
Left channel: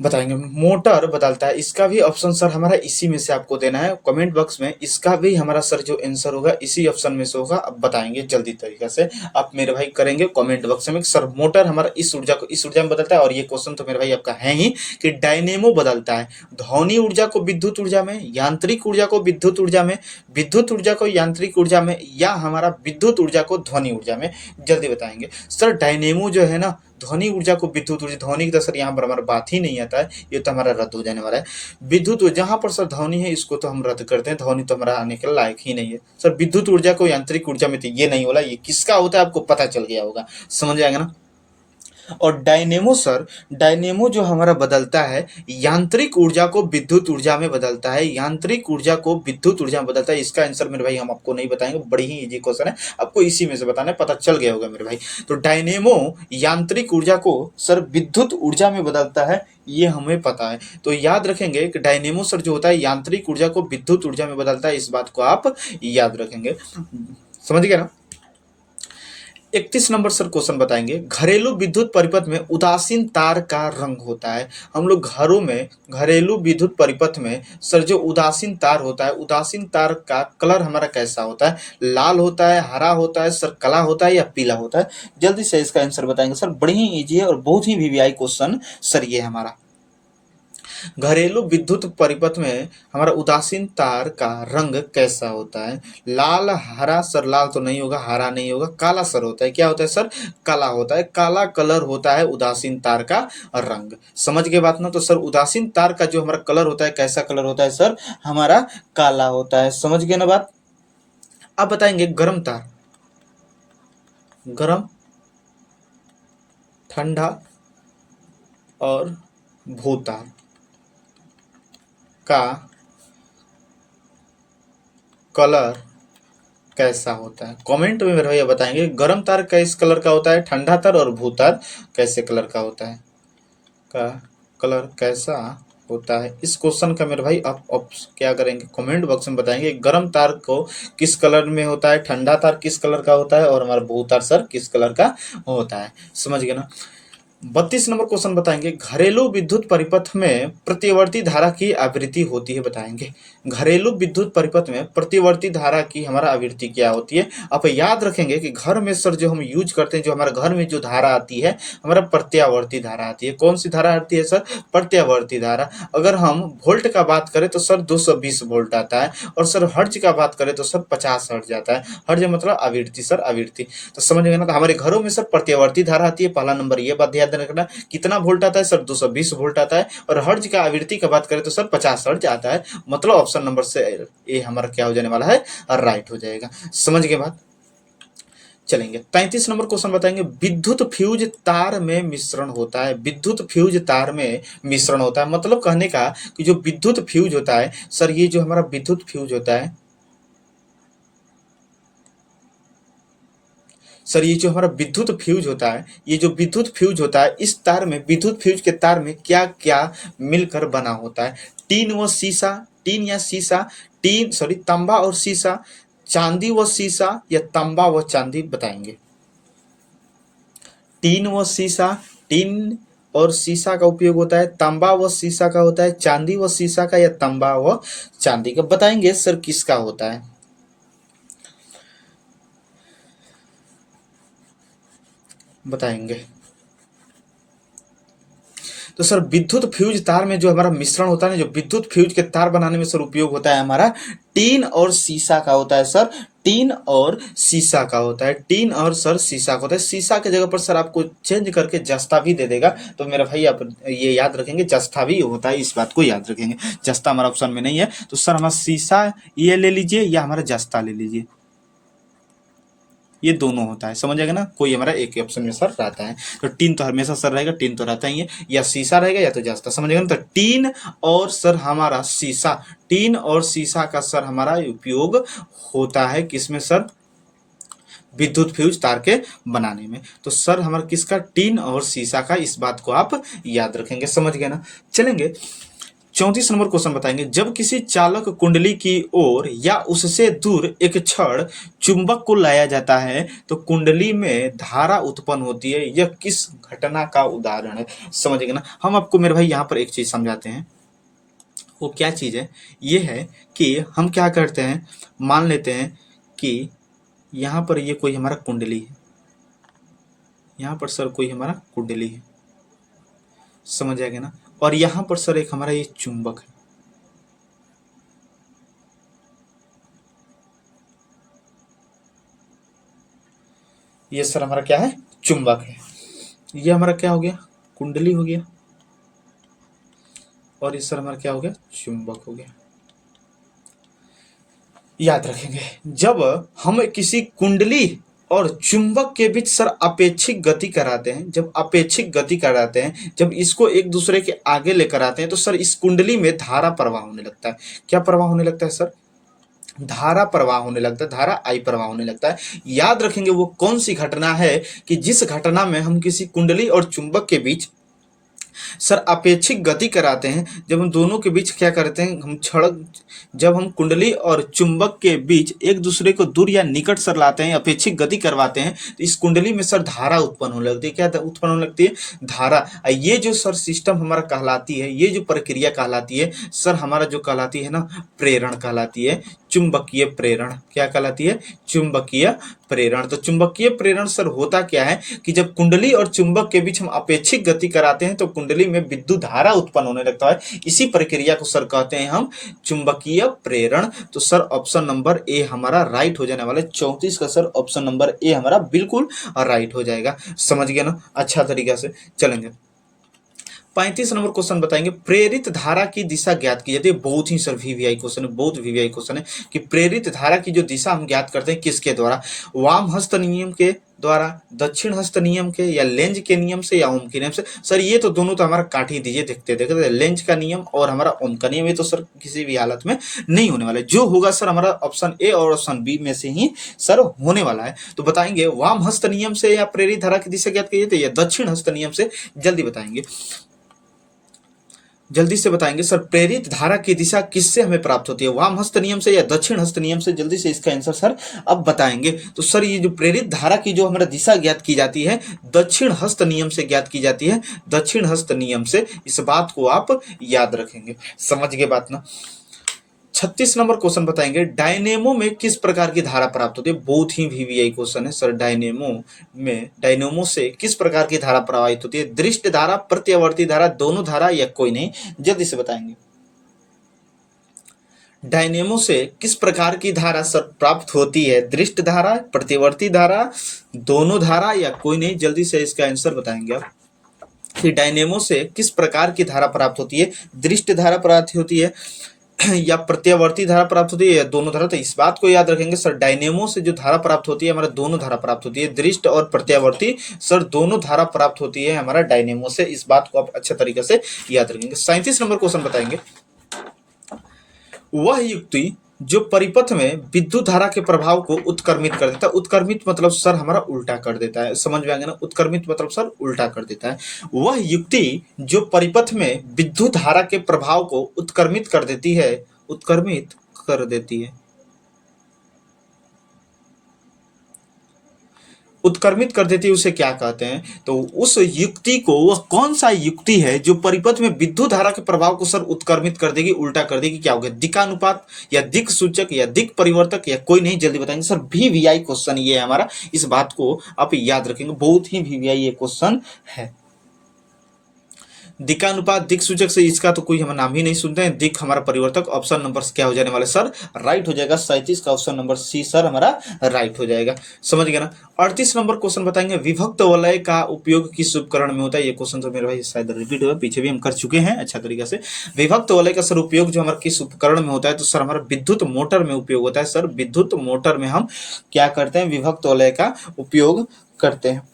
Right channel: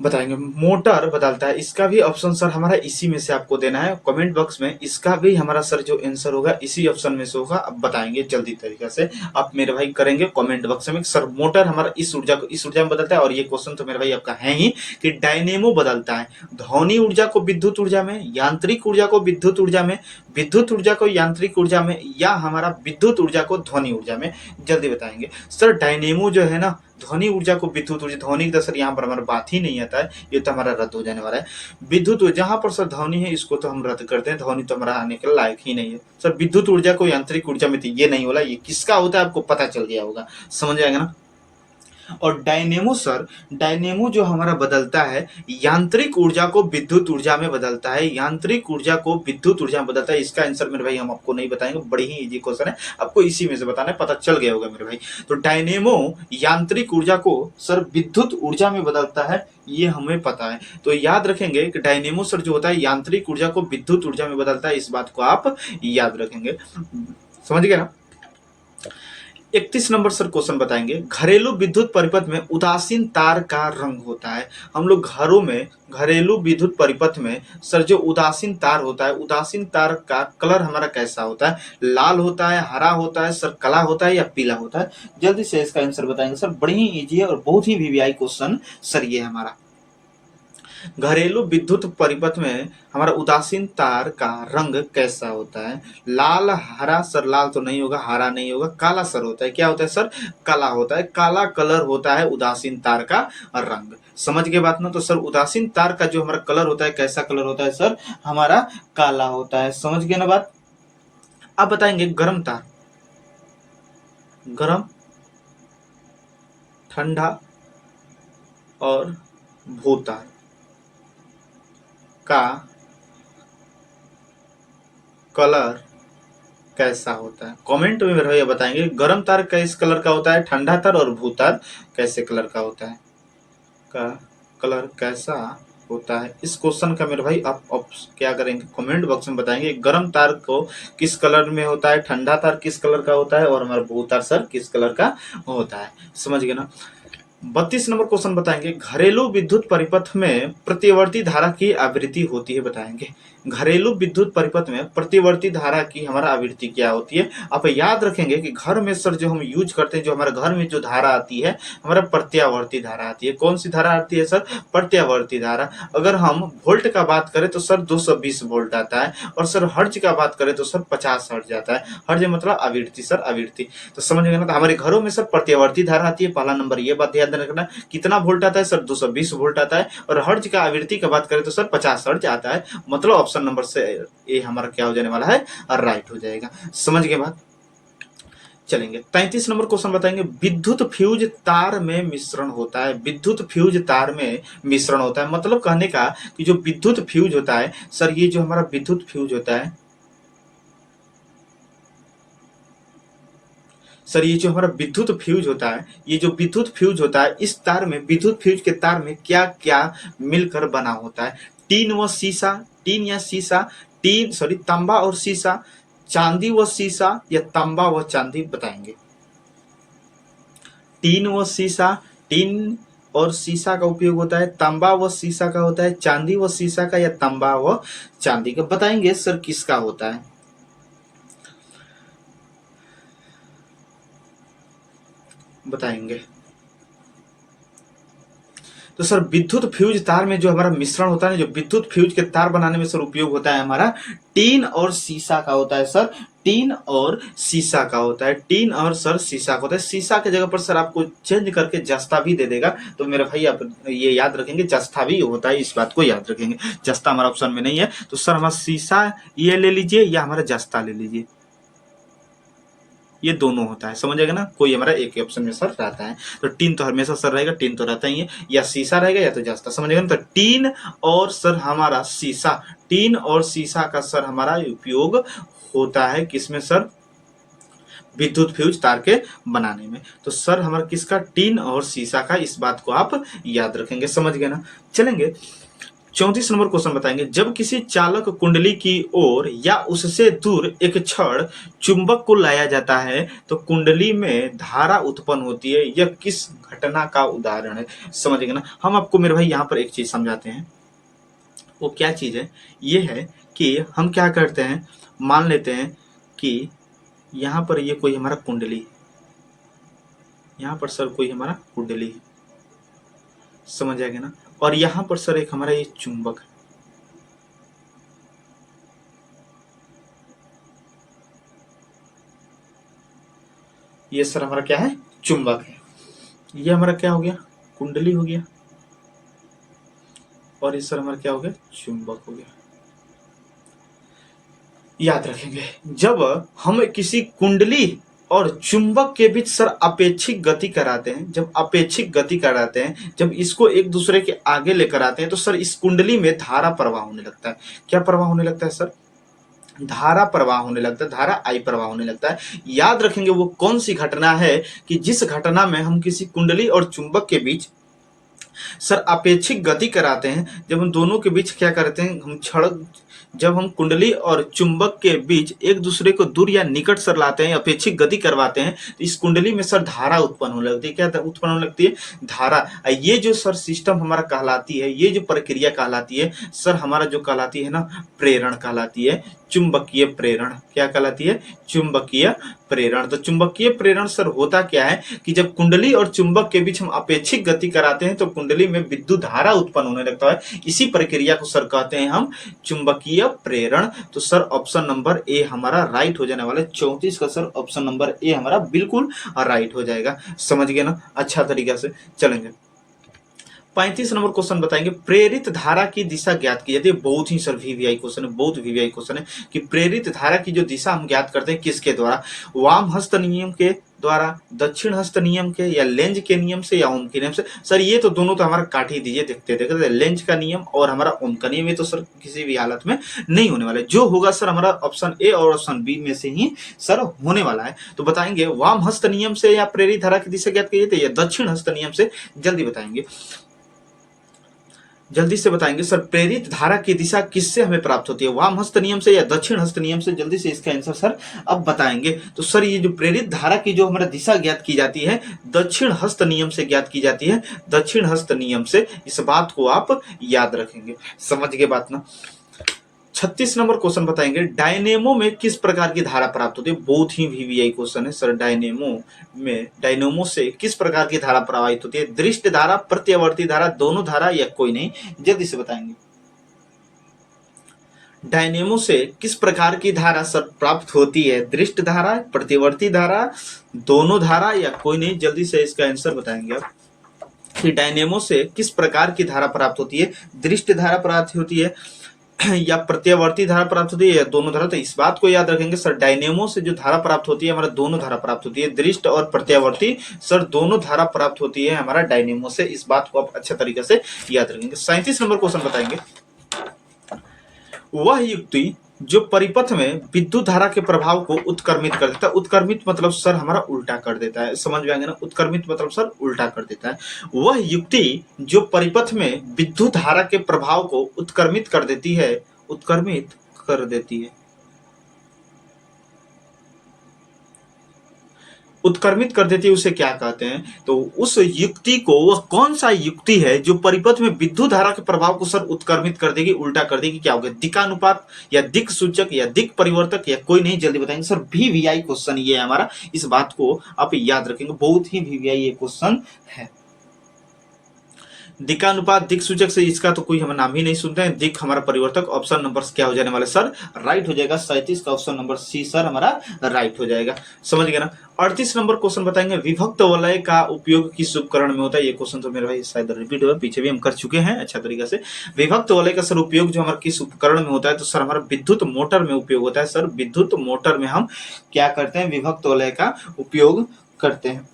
बताएंगे। मोटर बदलता है, इसका भी ऑप्शन सर हमारा इसी में से आपको देना है कमेंट बॉक्स में। इसका भी हमारा सर जो आंसर होगा इसी ऑप्शन में से होगा। अब बताएंगे जल्दी तरीके से आप मेरे भाई करेंगे कमेंट बॉक्स में। सर मोटर हमारा इस ऊर्जा को इस ऊर्जा में बदलता है। और ये क्वेश्चन तो मेरे भाई आपका है ही कि डायनेमो बदलता है ध्वनि ऊर्जा को विद्युत ऊर्जा में, यांत्रिक ऊर्जा को विद्युत ऊर्जा में, विद्युत ऊर्जा को यांत्रिक ऊर्जा में, या हमारा विद्युत ऊर्जा को ध्वनि ऊर्जा में। जल्दी बताएंगे सर। डायनेमो जो है ना, ध्वनि ऊर्जा को विद्युत ऊर्जा, ध्वनि का सर यहाँ पर हमारा बात ही नहीं आता है, ये तो हमारा रद्द हो जाने वाला है। विद्युत जहाँ पर सर ध्वनि है इसको तो हम रद्द करते हैं, ध्वनि तो हमारा आने के लायक ही नहीं है सर। विद्युत ऊर्जा को यांत्रिक ऊर्जा में तो ये नहीं होला, ये किसका होता है आपको पता चल गया होगा, समझ आएगा ना। और डायनेमो सर, डायनेमो जो हमारा बदलता है यांत्रिक ऊर्जा को विद्युत ऊर्जा में बदलता है, यांत्रिक ऊर्जा को विद्युत ऊर्जा में बदलता है। इसका आंसर मेरे भाई हम आपको नहीं बताएंगे, बड़ी ही इजी क्वेश्चन है, आपको इसी में से बताना है, पता चल गया होगा मेरे भाई। तो डायनेमो यांत्रिक ऊर्जा को सर विद्युत ऊर्जा में बदलता है, ये हमें पता है। तो याद रखेंगे कि डायनेमो सर जो होता है यांत्रिक ऊर्जा को विद्युत ऊर्जा में बदलता है, इस बात को आप याद रखेंगे। समझ गए ना? 31 नंबर सर क्वेश्चन बताएंगे। घरेलू विद्युत परिपथ में उदासीन तार का रंग होता है। हम लोग घरों में घरेलू विद्युत परिपथ में सर जो उदासीन तार होता है, उदासीन तार का कलर हमारा कैसा होता है? लाल होता है, हरा होता है सर, काला होता है या पीला होता है? जल्दी से इसका आंसर बताएंगे सर। बड़ी ही ईजी है और बहुत ही वीवीआई क्वेश्चन सर ये हमारा। घरेलू विद्युत परिपथ में हमारा उदासीन तार का रंग कैसा होता है? लाल, हरा सर, लाल तो नहीं होगा, हरा नहीं होगा, काला सर होता है। क्या होता है सर? काला होता है। काला कलर होता है उदासीन तार का रंग। समझ गए बात ना? तो सर उदासीन तार का जो हमारा कलर होता है, कैसा कलर होता है सर? हमारा काला होता है। समझ गए ना बात? अब बताएंगे गर्म तार, गर्म, ठंडा और भूतार का कलर कैसा होता है? कमेंट में मेरे भैया बताएंगे गर्म तार किस कलर का होता है, ठंडा तार और भूतार कैसे कलर का होता है, का कलर कैसा होता है। इस क्वेश्चन का मेरे भाई आप क्या करेंगे, कमेंट बॉक्स में बताएंगे गर्म तार को किस कलर में होता है, ठंडा तार किस कलर का होता है और हमारा भूतार सर किस कलर का होता है। समझ गए ना? 32 नंबर क्वेश्चन बताएंगे। घरेलू विद्युत परिपथ में प्रतिवर्ती धारा की आवृत्ति होती है, बताएंगे। घरेलू विद्युत परिपथ में प्रतिवर्ती धारा की हमारा आवृत्ति क्या होती है? आप याद रखेंगे कि घर में सर जो हम यूज करते हैं, जो हमारे घर में जो धारा आती है हमारा प्रत्यावर्ती धारा आती है। कौन सी धारा आती है सर? प्रत्यावर्ती धारा। अगर हम वोल्ट का बात करें तो सर 220 वोल्ट आता है, और सर हर्ज का बात करें तो सर 50 हर्ज आता है। हर्ज मतलब आवृत्ति सर, आवृत्ति। तो समझ गए ना? तो हमारे घरों में सर प्रत्यावर्ती धारा आती है, पहला नंबर ये बात ध्यान रखना। कितना वोल्ट आता है सर? 220 वोल्ट आता है। और हर्ज का आवृत्ति का बात करें तो सर 50 हर्ज आता है। मतलब ऑप्शन नंबर से ये हमारा क्या हो जाने वाला है? राइट हो जाएगा। समझ गए बात? चलेंगे 33 नंबर क्वेश्चन बताएंगे। विद्युत फ्यूज तार में मिश्रण होता है। विद्युत फ्यूज तार में मिश्रण होता है मतलब कहने का कि जो विद्युत फ्यूज होता है सर, ये जो हमारा विद्युत फ्यूज होता है सर, ये जो हमारा विद्युत फ्यूज होता है, ये जो विद्युत फ्यूज होता है, इस तार में, विद्युत फ्यूज के तार में क्या क्या मिलकर बना होता है? टीन व शीशा, टीन या शीशा, तांबा और सीसा, चांदी व सीसा या तांबा व चांदी बताएंगे। टीन व सीसा, टीन और सीसा का उपयोग होता है, तांबा व सीसा का होता है, चांदी व सीसा का या तांबा व चांदी का बताएंगे सर किसका होता है। बताएंगे तो सर विद्युत फ्यूज तार में जो हमारा मिश्रण होता है ना, जो विद्युत फ्यूज के तार बनाने में सर उपयोग होता है हमारा टीन और सीसा का होता है सर, टीन और सीसा का होता है, टीन और सर सीसा का होता है। सीसा की जगह पर सर आपको चेंज करके जस्ता भी दे देगा, तो मेरे भाई आप ये याद रखेंगे जस्ता भी होता है, इस बात को याद रखेंगे। जस्ता हमारा ऑप्शन में नहीं है, तो सर हमारा सीसा ये ले लीजिए या हमारा जस्ता ले लीजिए, ये दोनों होता है, समझ आएगा ना, कोई हमारा एक ही ऑप्शन में सर रहता है। तो टीन तो हमेशा सर रहेगा, टीन तो रहता ही है, या शीशा रहेगा या तो जस्ता, समझ आएगा ना। तो टीन और सर हमारा शीशा, टीन और शीशा का सर हमारा उपयोग होता है किसमें सर, विद्युत फ्यूज तार के बनाने में। तो सर हमारा किसका, टीन और शीशा का, इस बात को आप याद रखेंगे, समझ गए ना। चलेंगे 34 नंबर क्वेश्चन बताएंगे। जब किसी चालक कुंडली की ओर या उससे दूर एक क्षण चुंबक को लाया जाता है तो कुंडली में धारा उत्पन्न होती है, यह किस घटना का उदाहरण है, समझेंगे ना। हम आपको मेरे भाई यहाँ पर एक चीज समझाते हैं, वो क्या चीज है, ये है कि हम क्या करते हैं, मान लेते हैं कि यहाँ पर ये कोई हमारा कुंडली है, यहाँ पर सर कोई हमारा कुंडली है, समझ आएगा ना, और यहाँ पर सर एक हमारा ये चुंबक है, ये सर हमारा क्या है, चुंबक है। ये हमारा क्या हो गया, कुंडली हो गया, और ये सर हमारा क्या हो गया, चुंबक हो गया। याद रखेंगे, जब हम किसी कुंडली और चुंबक के बीच सर अपेक्षिक गति कराते हैं, जब अपेक्षिक गति कराते हैं, जब इसको एक दूसरे के आगे लेकर आते हैं तो सर इस कुंडली में धारा प्रवाह होने लगता है। क्या प्रवाह होने लगता है सर, धारा प्रवाह होने लगता है, धारा आई प्रवाह होने लगता है। याद रखेंगे वो कौन सी घटना है कि जिस घटना में हम किसी कुंडली और चुंबक के बीच सर अपेक्षिक गति कराते हैं, जब हम दोनों के बीच क्या करते हैं, हम क्षण, जब हम कुंडली और चुंबक के बीच एक दूसरे को दूर या निकट सर लाते हैं, अपेक्षिक गति करवाते हैं, तो इस कुंडली में सर धारा उत्पन्न होने लगती है। क्या उत्पन्न होने लगती है, धारा। ये जो सर सिस्टम हमारा कहलाती है, ये जो प्रक्रिया कहलाती है सर हमारा, जो कहलाती है ना, प्रेरण कहलाती है, चुंबकीय प्रेरण। क्या कहलाती है, चुंबकीय प्रेरण। तो चुंबकीय प्रेरण सर होता क्या है कि जब कुंडली और चुंबक के बीच हम अपेक्षिक गति कराते हैं तो कुंडली में विद्युत धारा उत्पन्न होने लगता है, इसी प्रक्रिया को सर कहते हैं हम चुंबकीय प्रेरण। तो सर ऑप्शन नंबर ए हमारा राइट हो जाने वाला है। 34 का सर ऑप्शन नंबर ए हमारा बिल्कुल राइट हो जाएगा, समझ गए ना अच्छा तरीका से। चलेंगे 35 नंबर क्वेश्चन बताएंगे, प्रेरित धारा की दिशा ज्ञात की जाती है। बहुत ही सर वीवीआई क्वेश्चन है, बहुत वीवीआई क्वेश्चन है कि प्रेरित धारा की जो दिशा हम ज्ञात करते हैं किसके द्वारा, वाम हस्त नियम के द्वारा, दक्षिण हस्त नियम के, या लेंज के नियम से, या ओम के नियम से। सर ये तो दोनों तो हमारा काट ही दीजिए, देखते देखते लेंज का नियम और हमारा ओम का नियम, ये तो सर किसी भी हालत में नहीं होने वाला है। जो होगा सर हमारा ऑप्शन ए और ऑप्शन बी में से ही सर होने वाला है। तो बताएंगे वाम हस्त नियम से या प्रेरित धारा की दिशा ज्ञात की जाती है, या दक्षिण हस्त नियम से, जल्दी बताएंगे, जल्दी से बताएंगे सर प्रेरित धारा की दिशा किससे हमें प्राप्त होती है, वाम हस्त नियम से या दक्षिण हस्त नियम से, जल्दी से इसका आंसर सर अब बताएंगे। तो सर ये जो प्रेरित धारा की जो हमारा दिशा ज्ञात की जाती है दक्षिण हस्त नियम से ज्ञात की जाती है, दक्षिण हस्त नियम से, इस बात को आप याद रखेंगे, समझ गए बात ना। 36 नंबर क्वेश्चन बताएंगे, डायनेमो में किस प्रकार की धारा प्राप्त होती है। बहुत ही वीवीआई क्वेश्चन है सर, डायनेमो से किस प्रकार की धारा प्रवाहित होती है, दृष्ट धारा, प्रत्यावर्ती धारा, दोनों धारा, या कोई नहीं, जल्दी से बताएंगे। डायनेमो से किस प्रकार की धारा सर प्राप्त होती है, दृष्ट धारा, प्रत्यावर्ती धारा, दोनों धारा, या कोई नहीं, जल्दी से इसका आंसर बताएंगे आप कि डायनेमो से किस प्रकार की धारा प्राप्त होती है, दृष्ट धारा प्राप्त होती है या प्रत्यावर्ती धारा प्राप्त होती है, या दोनों धारा। तो इस बात को याद रखेंगे सर, डायनेमो से जो धारा प्राप्त होती है हमारा दोनों धारा प्राप्त होती है, दृष्ट और प्रत्यावर्ती सर दोनों धारा प्राप्त होती है हमारा डायनेमो से, इस बात को आप अच्छे तरीके से याद रखेंगे। 37 नंबर क्वेश्चन बताएंगे, वह युक्ति जो परिपथ में विद्युत धारा के प्रभाव को उत्क्रमित कर देता है, उत्क्रमित मतलब सर हमारा उल्टा कर देता है, समझ में आ गया ना, उत्क्रमित मतलब सर उल्टा कर देता है। वह युक्ति जो परिपथ में विद्युत धारा के प्रभाव को उत्क्रमित कर देती है, उत्क्रमित कर देती है, उत्क्रमित कर देती है, उसे क्या कहते हैं? तो उस युक्ति को, वह कौन सा युक्ति है जो परिपथ में विद्युत धारा के प्रभाव को सर उत्क्रमित कर देगी, उल्टा कर देगी? क्या होगा? दिकानुपात या दिक सूचक या दिक परिवर्तक या कोई नहीं, जल्दी बताएंगे सर। VVI क्वेश्चन ये है हमारा, इस बात को आप याद रखेंगे, बहुत ही VVI ये क्वेश्चन है। दिकानुपात दिक सूचक से इसका तो कोई हम नाम ही नहीं सुनते हैं। दिक हमारा परिवर्तक, ऑप्शन नंबर क्या हो जाने वाला सर? राइट हो जाएगा। 37 का ऑप्शन नंबर सी सर हमारा राइट हो जाएगा। समझ गए ना? 38 नंबर क्वेश्चन बताएंगे, विभक्त वलय का उपयोग किस उपकरण में होता है? ये क्वेश्चन तो मेरे भाई शायद रिपीट हुआ, पीछे भी हम कर चुके हैं अच्छा तरीके से। विभक्त वलय का सर उपयोग जो हमारा किस उपकरण में होता है? तो सर हमारा विद्युत मोटर में उपयोग होता है। सर विद्युत मोटर में हम क्या करते हैं? विभक्त वलय का उपयोग करते हैं।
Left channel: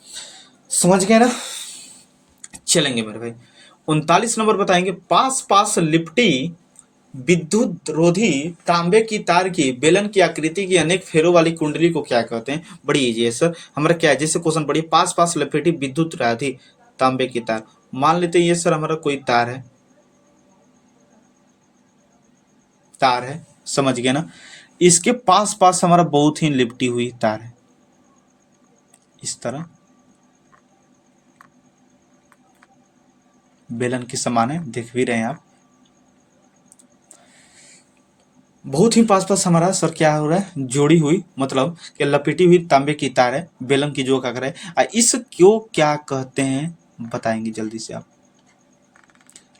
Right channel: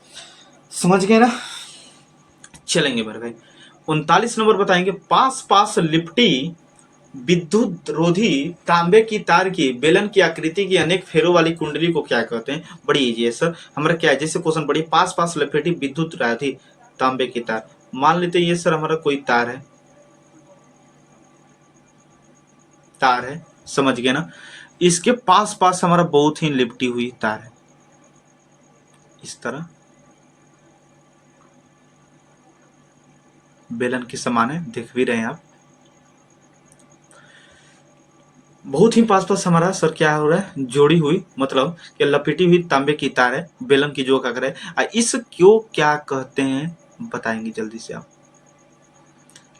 समझ गए ना? चलेंगे मेरे भाई। 39 नंबर बताएंगे, पास पास लिपटी विद्युत रोधी तांबे की तार की बेलन की आकृति की अनेक फेरों वाली कुंडली को क्या कहते हैं? बड़ी इजी है सर। हमारा क्या है, जैसे क्वेश्चन पढ़िए, पास पास लिपटी विद्युत रोधी तांबे की तार, मान लेते हैं ये सर हमारा कोई तार है, तार है, समझ गए ना? इसके पास पास हमारा बहुत ही लिपटी हुई तार है, इस तरह बेलन के समान है, देख भी रहे हैं आप। बहुत ही पास पास हमारा सर क्या हो रहा है? जोड़ी हुई, मतलब कि लपेटी हुई तांबे की तार है, बेलन की जो का है। इस क्यों क्या कहते हैं बताएंगे जल्दी से आप।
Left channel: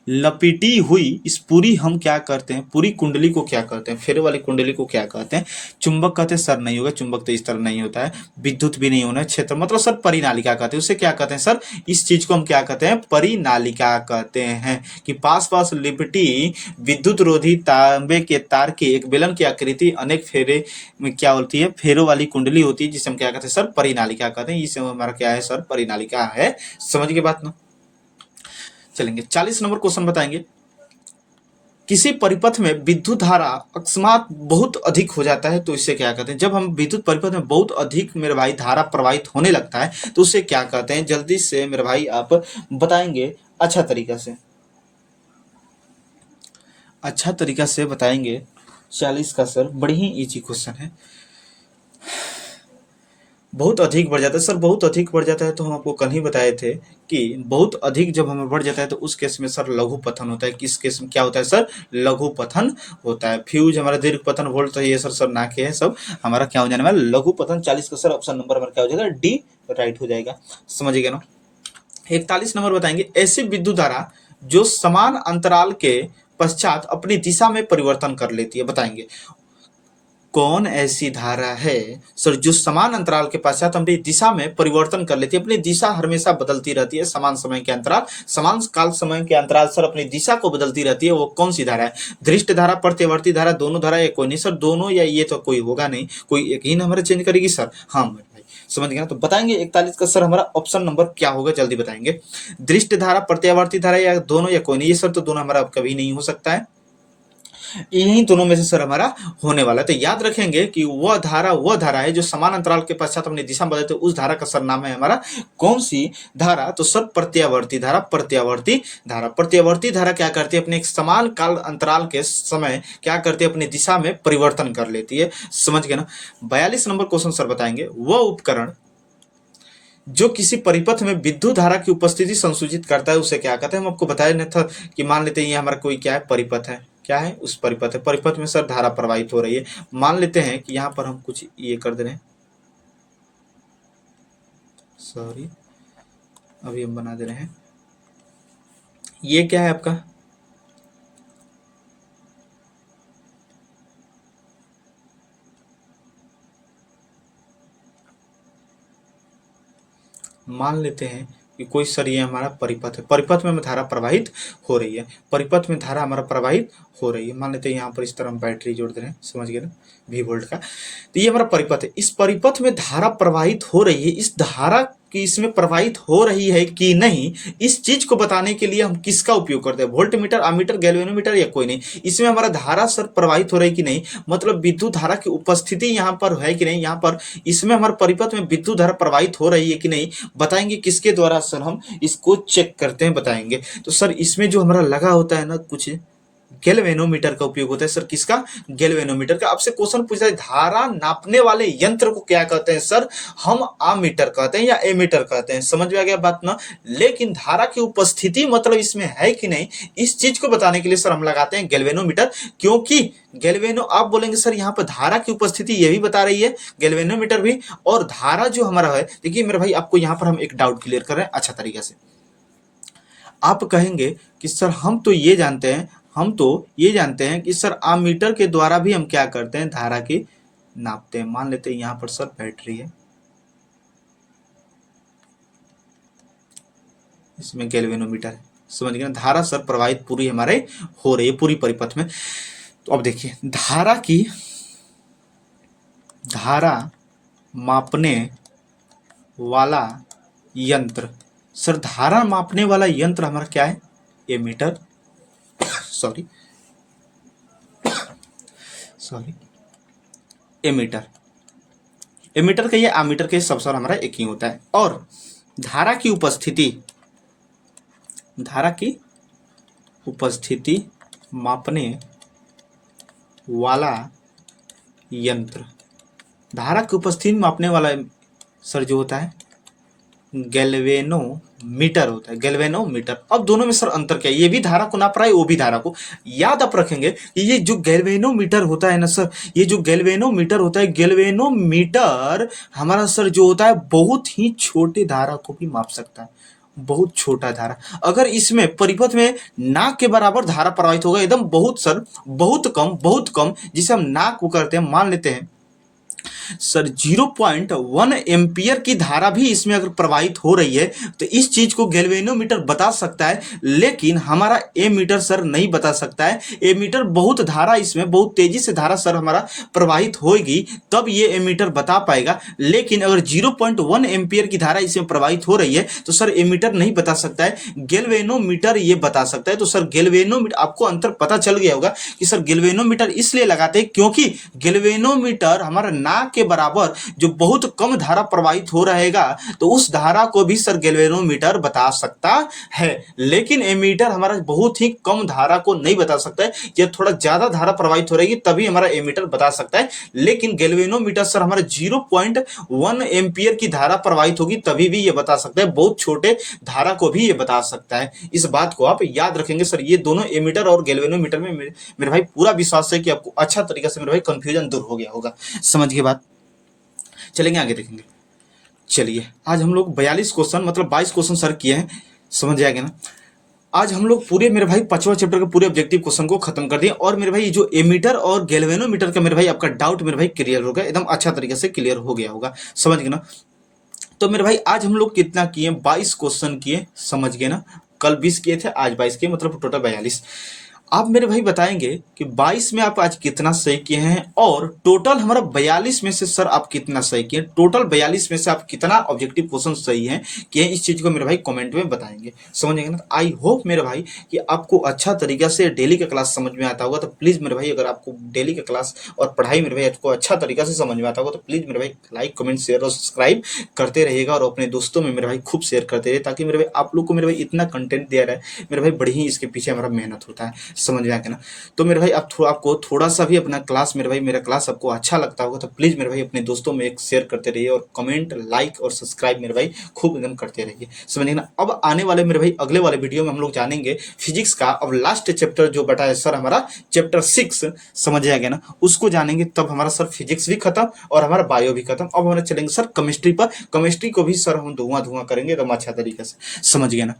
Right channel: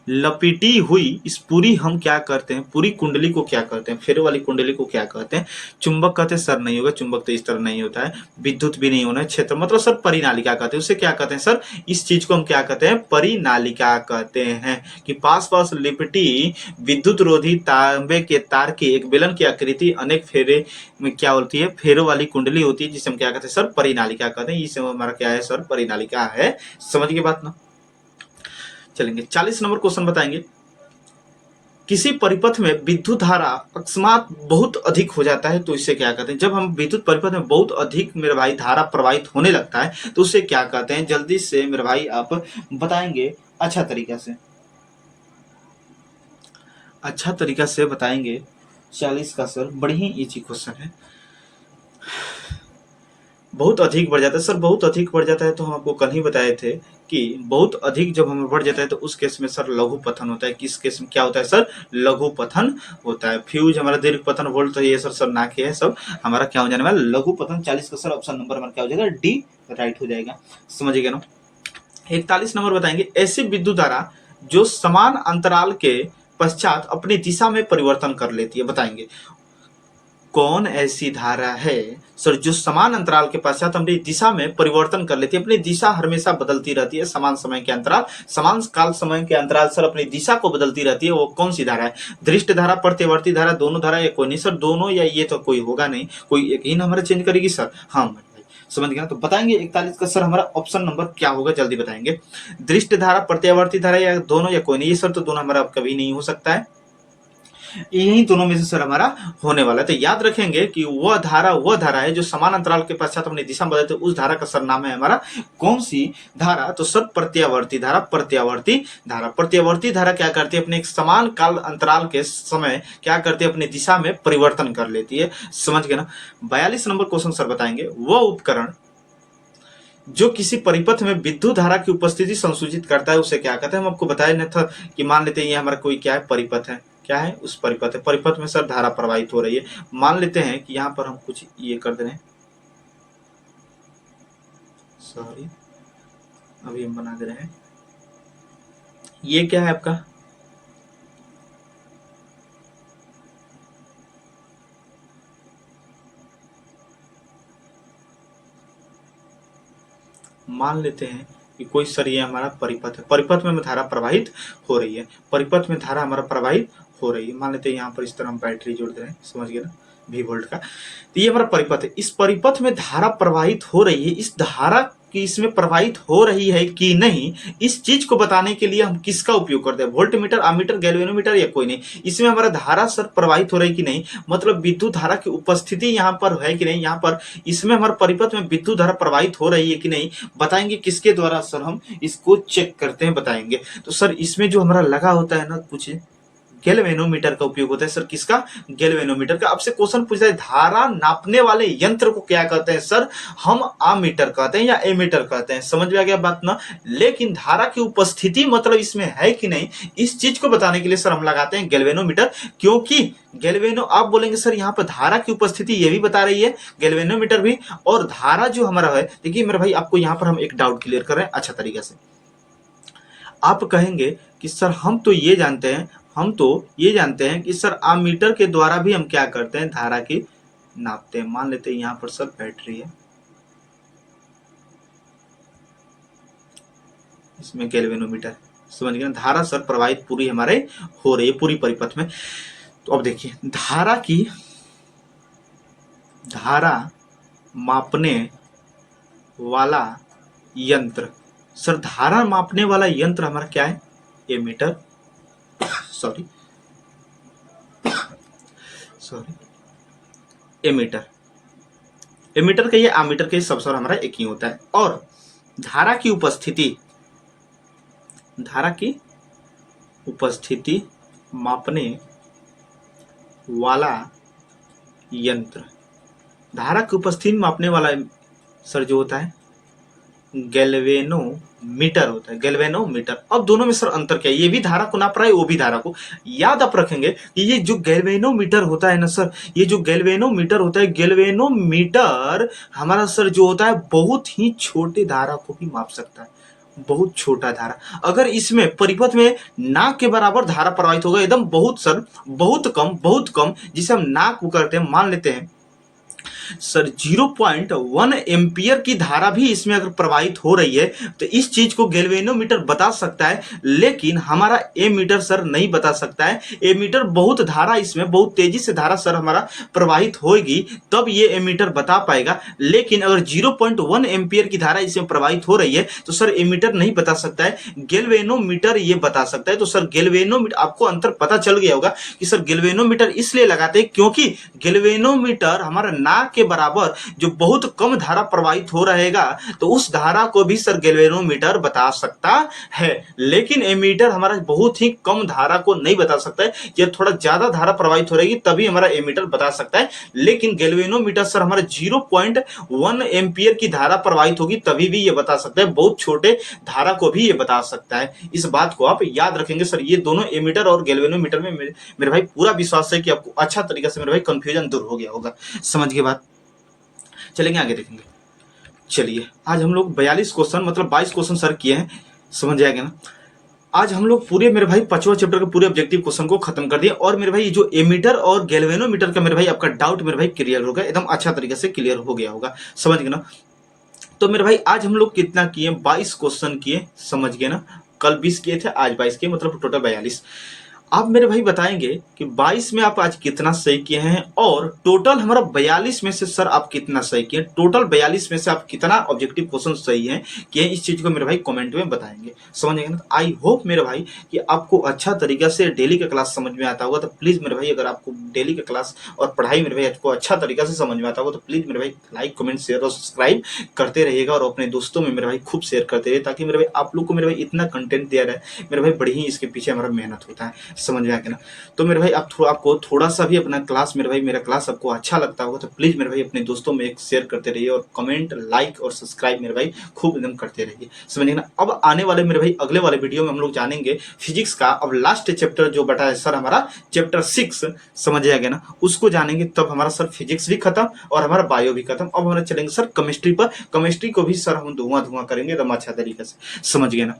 लपेटी हुई इस पूरी हम क्या करते हैं? पूरी कुंडली को क्या कहते हैं? फेरे वाली कुंडली को क्या कहते हैं? चुंबक कहते हैं सर? नहीं होगा, चुंबक तो इस तरह नहीं होता है। विद्युत भी नहीं होना है। क्षेत्र मतलब सर परिनालिका कहते हैं, उसे क्या कहते हैं सर? इस चीज को हम क्या कहते हैं? परिनालिका कहते हैं। कि पास पास लिपटी विद्युत रोधी तांबे के तार की एक बेलन की आकृति अनेक फेरे में क्या होती है? फेरों वाली कुंडली होती है, जिसे हम क्या कहते हैं सर? परिनालिका कहते हैं। इसे हमारा क्या है सर? परिनालिका है। समझ के बात ना? चलेंगे 40 नंबर क्वेश्चन बताएंगे, किसी परिपथ में विद्युत धारा अकस्मात बहुत अधिक हो जाता है तो इसे क्या कहते हैं? जब हम विद्युत परिपथ में बहुत अधिक मेरे भाई धारा प्रवाहित होने लगता है तो उसे क्या कहते हैं? जल्दी से मेरे भाई आप बताएंगे अच्छा तरीका से, अच्छा तरीका से बताएंगे। 40 का सर बड़ी ही इजी क्वेश्चन है। बहुत अधिक बढ़ जाता है सर, बहुत अधिक बढ़ जाता है तो हम आपको कल ही बताए थे कि बहुत अधिक जब हमें बढ़ जाता है तो उस केस में सर लघु पतन होता है। किस केस में क्या होता है सर? लघु पतन होता है। फ्यूज हमारा दीर्घ पतन, वोल्ट, तो ये सर सब ना के है, सब हमारा क्या हो जाने वाला? लघु पतन। 40 का सर ऑप्शन नंबर में क्या हो जाएगा? डी राइट हो जाएगा। समझिएगा ना? 41 नंबर बताएंगे, ऐसी विद्युत धारा जो समान अंतराल के पश्चात अपनी दिशा में परिवर्तन कर लेती है, बताएंगे कौन ऐसी धारा है सर जो समान अंतराल के पश्चात अपनी दिशा में परिवर्तन कर लेती है? अपनी दिशा हमेशा बदलती रहती है, समान समय के अंतराल, समान काल समय के अंतराल सर अपनी दिशा को बदलती रहती है, वो कौन सी धारा है? दृष्ट धारा, प्रत्यवर्ती धारा, दोनों धारा या कोई नहीं? सर दोनों या ये तो कोई होगा नहीं, कोई एक ही हमारा चेंज करेगी सर। हाँ भाई समझ गया ना? तो बताएंगे 41 का सर हमारा ऑप्शन नंबर क्या होगा? जल्दी बताएंगे। दृष्ट धारा, प्रत्यावर्ती धारा या दोनों या कोई नहीं? ये सर तो दोनों हमारा कभी नहीं हो सकता है, यही दोनों में से सर हमारा होने वाला है। तो याद रखेंगे कि वह धारा है जो समान अंतराल के पश्चात अपनी दिशा बदलते, उस धारा का सर नाम है हमारा कौन सी धारा? तो सर प्रत्यावर्ती धारा। प्रत्यावर्ती धारा, प्रत्यावर्ती धारा क्या करती है? अपने एक समान काल अंतराल के समय क्या करती है? अपनी दिशा में परिवर्तन कर लेती है। समझ गए ना? 42 नंबर क्वेश्चन सर बताएंगे, वह उपकरण जो किसी परिपथ में विद्युत धारा की उपस्थिति संसूचित करता है उसे क्या कहते हैं? हम आपको बताया नहीं था कि मान लेते हैं ये हमारा कोई क्या है? परिपथ है। क्या है? उस परिपथ है, परिपथ में सर धारा प्रवाहित हो रही है। मान लेते हैं कि यहाँ पर हम कुछ ये कर दे रहे हैं, सॉरी अभी हम बना दे रहे हैं, ये क्या है आपका? मान लेते हैं कि कोई सर ये हमारा परिपथ है, परिपथ में धारा प्रवाहित हो रही है, परिपथ में धारा हमारा प्रवाहित हो रही है। मान लेते हैं यहाँ पर इस तरह हम बैटरी जोड़ दे रहे हैं, समझ गए ना? V वोल्ट का। तो ये हमारा परिपथ है, इस परिपथ में धारा प्रवाहित हो रही है, इस धारा की इसमें प्रवाहित हो रही है कि नहीं, इस चीज को बताने के लिए हम किसका उपयोग करते हैं? वोल्ट मीटर, अमीटर, गैल्वेनोमीटर या कोई नहीं? इसमें हमारा धारा सर प्रवाहित हो रही कि नहीं, मतलब विद्युत धारा की उपस्थिति यहाँ पर है कि नहीं, यहाँ पर इसमें हमारे परिपथ में विद्युत धारा प्रवाहित हो रही है कि नहीं, बताएंगे किसके द्वारा सर हम इसको चेक करते हैं? बताएंगे तो सर इसमें जो हमारा लगा होता है ना कुछ गैल्वेनोमीटर का उपयोग होता है। सर किसका? गैल्वेनोमीटर का। आपसे क्वेश्चन पूछा है धारा नापने वाले यंत्र को क्या कहते हैं? सर हम आमीटर कहते हैं या एमीटर कहते हैं। समझ में आ गया बात ना? लेकिन धारा की उपस्थिति मतलब इसमें है कि नहीं, इस चीज को बताने के लिए सर हम लगाते हैं गैल्वेनोमीटर, क्योंकि गैल्वेनो आप बोलेंगे सर यहाँ पर धारा की उपस्थिति ये भी बता रही है, गैल्वेनोमीटर भी, और धारा जो हमारा है, देखिए मेरे भाई आपको यहाँ पर हम एक डाउट क्लियर कर रहे हैं अच्छा तरीके से। आप कहेंगे कि सर हम तो ये जानते हैं कि सर आमीटर के द्वारा भी हम क्या करते हैं, धारा की नापते हैं। मान लेते हैं यहाँ पर सर बैटरी है, इसमें गैल्वेनोमीटर है, समझ गए ना? धारा सर प्रवाहित पूरी हमारे हो रही है पूरी परिपथ में। तो अब देखिए धारा मापने वाला यंत्र, सर धारा मापने वाला यंत्र हमारा क्या है? एमीटर सॉरी एमीटर का ये आमीटर के सब सर हमारा एक ही होता है। और धारा की उपस्थिति मापने वाला यंत्र, धारा की उपस्थिति मापने वाला सर जो होता है गैल्वेनोमीटर होता है, गैल्वेनोमीटर। अब दोनों में सर अंतर क्या है? ये भी धारा को नाप रहा है, वो भी धारा को। याद आप रखेंगे कि ये जो गैल्वेनोमीटर होता है ना सर, ये जो गैल्वेनोमीटर होता है, गैल्वेनोमीटर हमारा सर जो होता है बहुत ही छोटे धारा को भी माप सकता है, बहुत छोटा धारा। अगर इसमें परिपथ में नाक के बराबर धारा प्रवाहित होगा, एकदम बहुत सर बहुत कम, जिसे हम नाक को करते हैं, मान लेते हैं सर 0.1 एम्पियर की धारा भी इसमें अगर प्रवाहित हो रही है तो इस चीज को गैल्वेनोमीटर बता सकता है, लेकिन हमारा एमीटर सर नहीं बता सकता है। एमीटर बहुत धारा, इसमें बहुत तेजी से धारा सर हमारा प्रवाहित होगी तब ये एमीटर बता पाएगा, लेकिन अगर 0.1 एम्पियर की धारा इसमें प्रवाहित हो रही है तो सर एमीटर नहीं बता सकता है, गैल्वेनोमीटर ये बता सकता है। तो सर गैल्वेनोमीटर, आपको अंतर पता चल गया होगा कि सर गैल्वेनोमीटर इसलिए लगाते हैं क्योंकि गैल्वेनोमीटर हमारा नाक के बराबर जो बहुत कम धारा प्रवाहित हो रहेगा तो उस धारा को भी सर गैल्वेनोमीटर बता सकता है, लेकिन एमीटर हमारा बहुत ही कम धारा को नहीं बता सकता है। ये थोड़ा ज्यादा धारा प्रवाहित हो रहेगी तभी हमारा एमीटर बता सकता है, लेकिन गैल्वेनोमीटर सर हमारा 0.1 एम्पियर की धारा प्रवाहित होगी तभी भी ये बता सकता है, बहुत छोटे धारा को भी ये बता सकता है। इस बात को आप याद रखेंगे सर। ये दोनों एमीटर और गैल्वेनोमीटर में मेरे भाई पूरा विश्वास है कि आपको अच्छा तरीके से मेरे भाई कंफ्यूजन दूर हो गया होगा। समझ गए बात? चलेंगे आगे देखेंगे। चलिए आज हम लोग 42 क्वेश्चन मतलब 22 क्वेश्चन सर किए हैं, समझ आएगा ना? आज हम लोग पूरे मेरे भाई 5वां चैप्टर के पूरे ऑब्जेक्टिव क्वेश्चन को खत्म कर दिए, और मेरे भाई जो एमीटर और गैल्वेनोमीटर का मेरे भाई आपका डाउट मेरे भाई क्लियर हो गया, एकदम अच्छा तरीके से क्लियर हो गया होगा, समझ गए ना? तो मेरे भाई आज हम लोग कितना किए? 22 क्वेश्चन किए, समझ गए ना? कल 20 किए थे, आज 22 किए, मतलब टोटल 42। आप मेरे भाई बताएंगे कि 22 में आप आज कितना सही किए हैं, और टोटल हमारा 42 में से सर आप कितना सही किए, टोटल 42 में से आप कितना ऑब्जेक्टिव क्वेश्चन सही हैं कि इस चीज को मेरे भाई कमेंट में बताएंगे, समझेंगे ना? आई होप मेरे भाई कि आपको अच्छा तरीका से डेली का क्लास समझ में आता होगा। तो प्लीज मेरे भाई अगर आपको डेली का क्लास और पढ़ाई मेरे भाई आपको अच्छा तरीका से समझ में आता होगा तो प्लीज मेरे भाई लाइक कमेंट शेयर और सब्सक्राइब करते रहिएगा, और अपने दोस्तों में मेरे भाई खूब शेयर करते रहिए, ताकि मेरे भाई आप लोग को मेरे भाई इतना कंटेंट दिया रहा है मेरे भाई, बड़ी ही इसके पीछे हमारा मेहनत होता है, समझ में आया ना? तो मेरे भाई आपको थोड़ा सा भी अपना क्लास मेरे भाई मेरा क्लास आपको अच्छा लगता होगा तो प्लीज मेरे भाई अपने दोस्तों में एक शेयर करते रहिए, और कमेंट लाइक और सब्सक्राइब मेरे भाई खूब एकदम करते रहिए, समझिए ना? अब आने वाले मेरे भाई अगले वाले वीडियो में हम लोग जानेंगे फिजिक्स का अब लास्ट चैप्टर जो बटा है सर हमारा चैप्टर 6, समझ आएगा ना? उसको जानेंगे, तब हमारा सर फिजिक्स भी खत्म और हमारा बायो भी खत्म। अब हमारे चलेंगे सर केमिस्ट्री पर, केमिस्ट्री को भी सर हम धुआं करेंगे एकदम अच्छा तरीके से, समझ गए ना?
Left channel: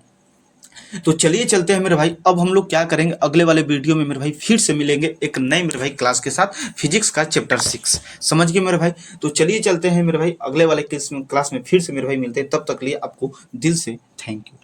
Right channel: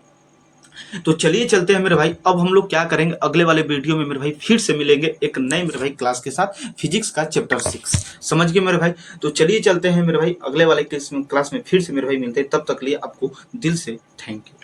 तो चलिए चलते हैं मेरे भाई। अब हम लोग क्या करेंगे अगले वाले वीडियो में मेरे भाई, फिर से मिलेंगे एक नए मेरे भाई क्लास के साथ, फिजिक्स का चैप्टर 6, समझ गए मेरे भाई? तो चलिए चलते हैं मेरे भाई, अगले वाले क्लास में फिर से मेरे भाई मिलते हैं, तब तक लिए आपको दिल से थैंक यू।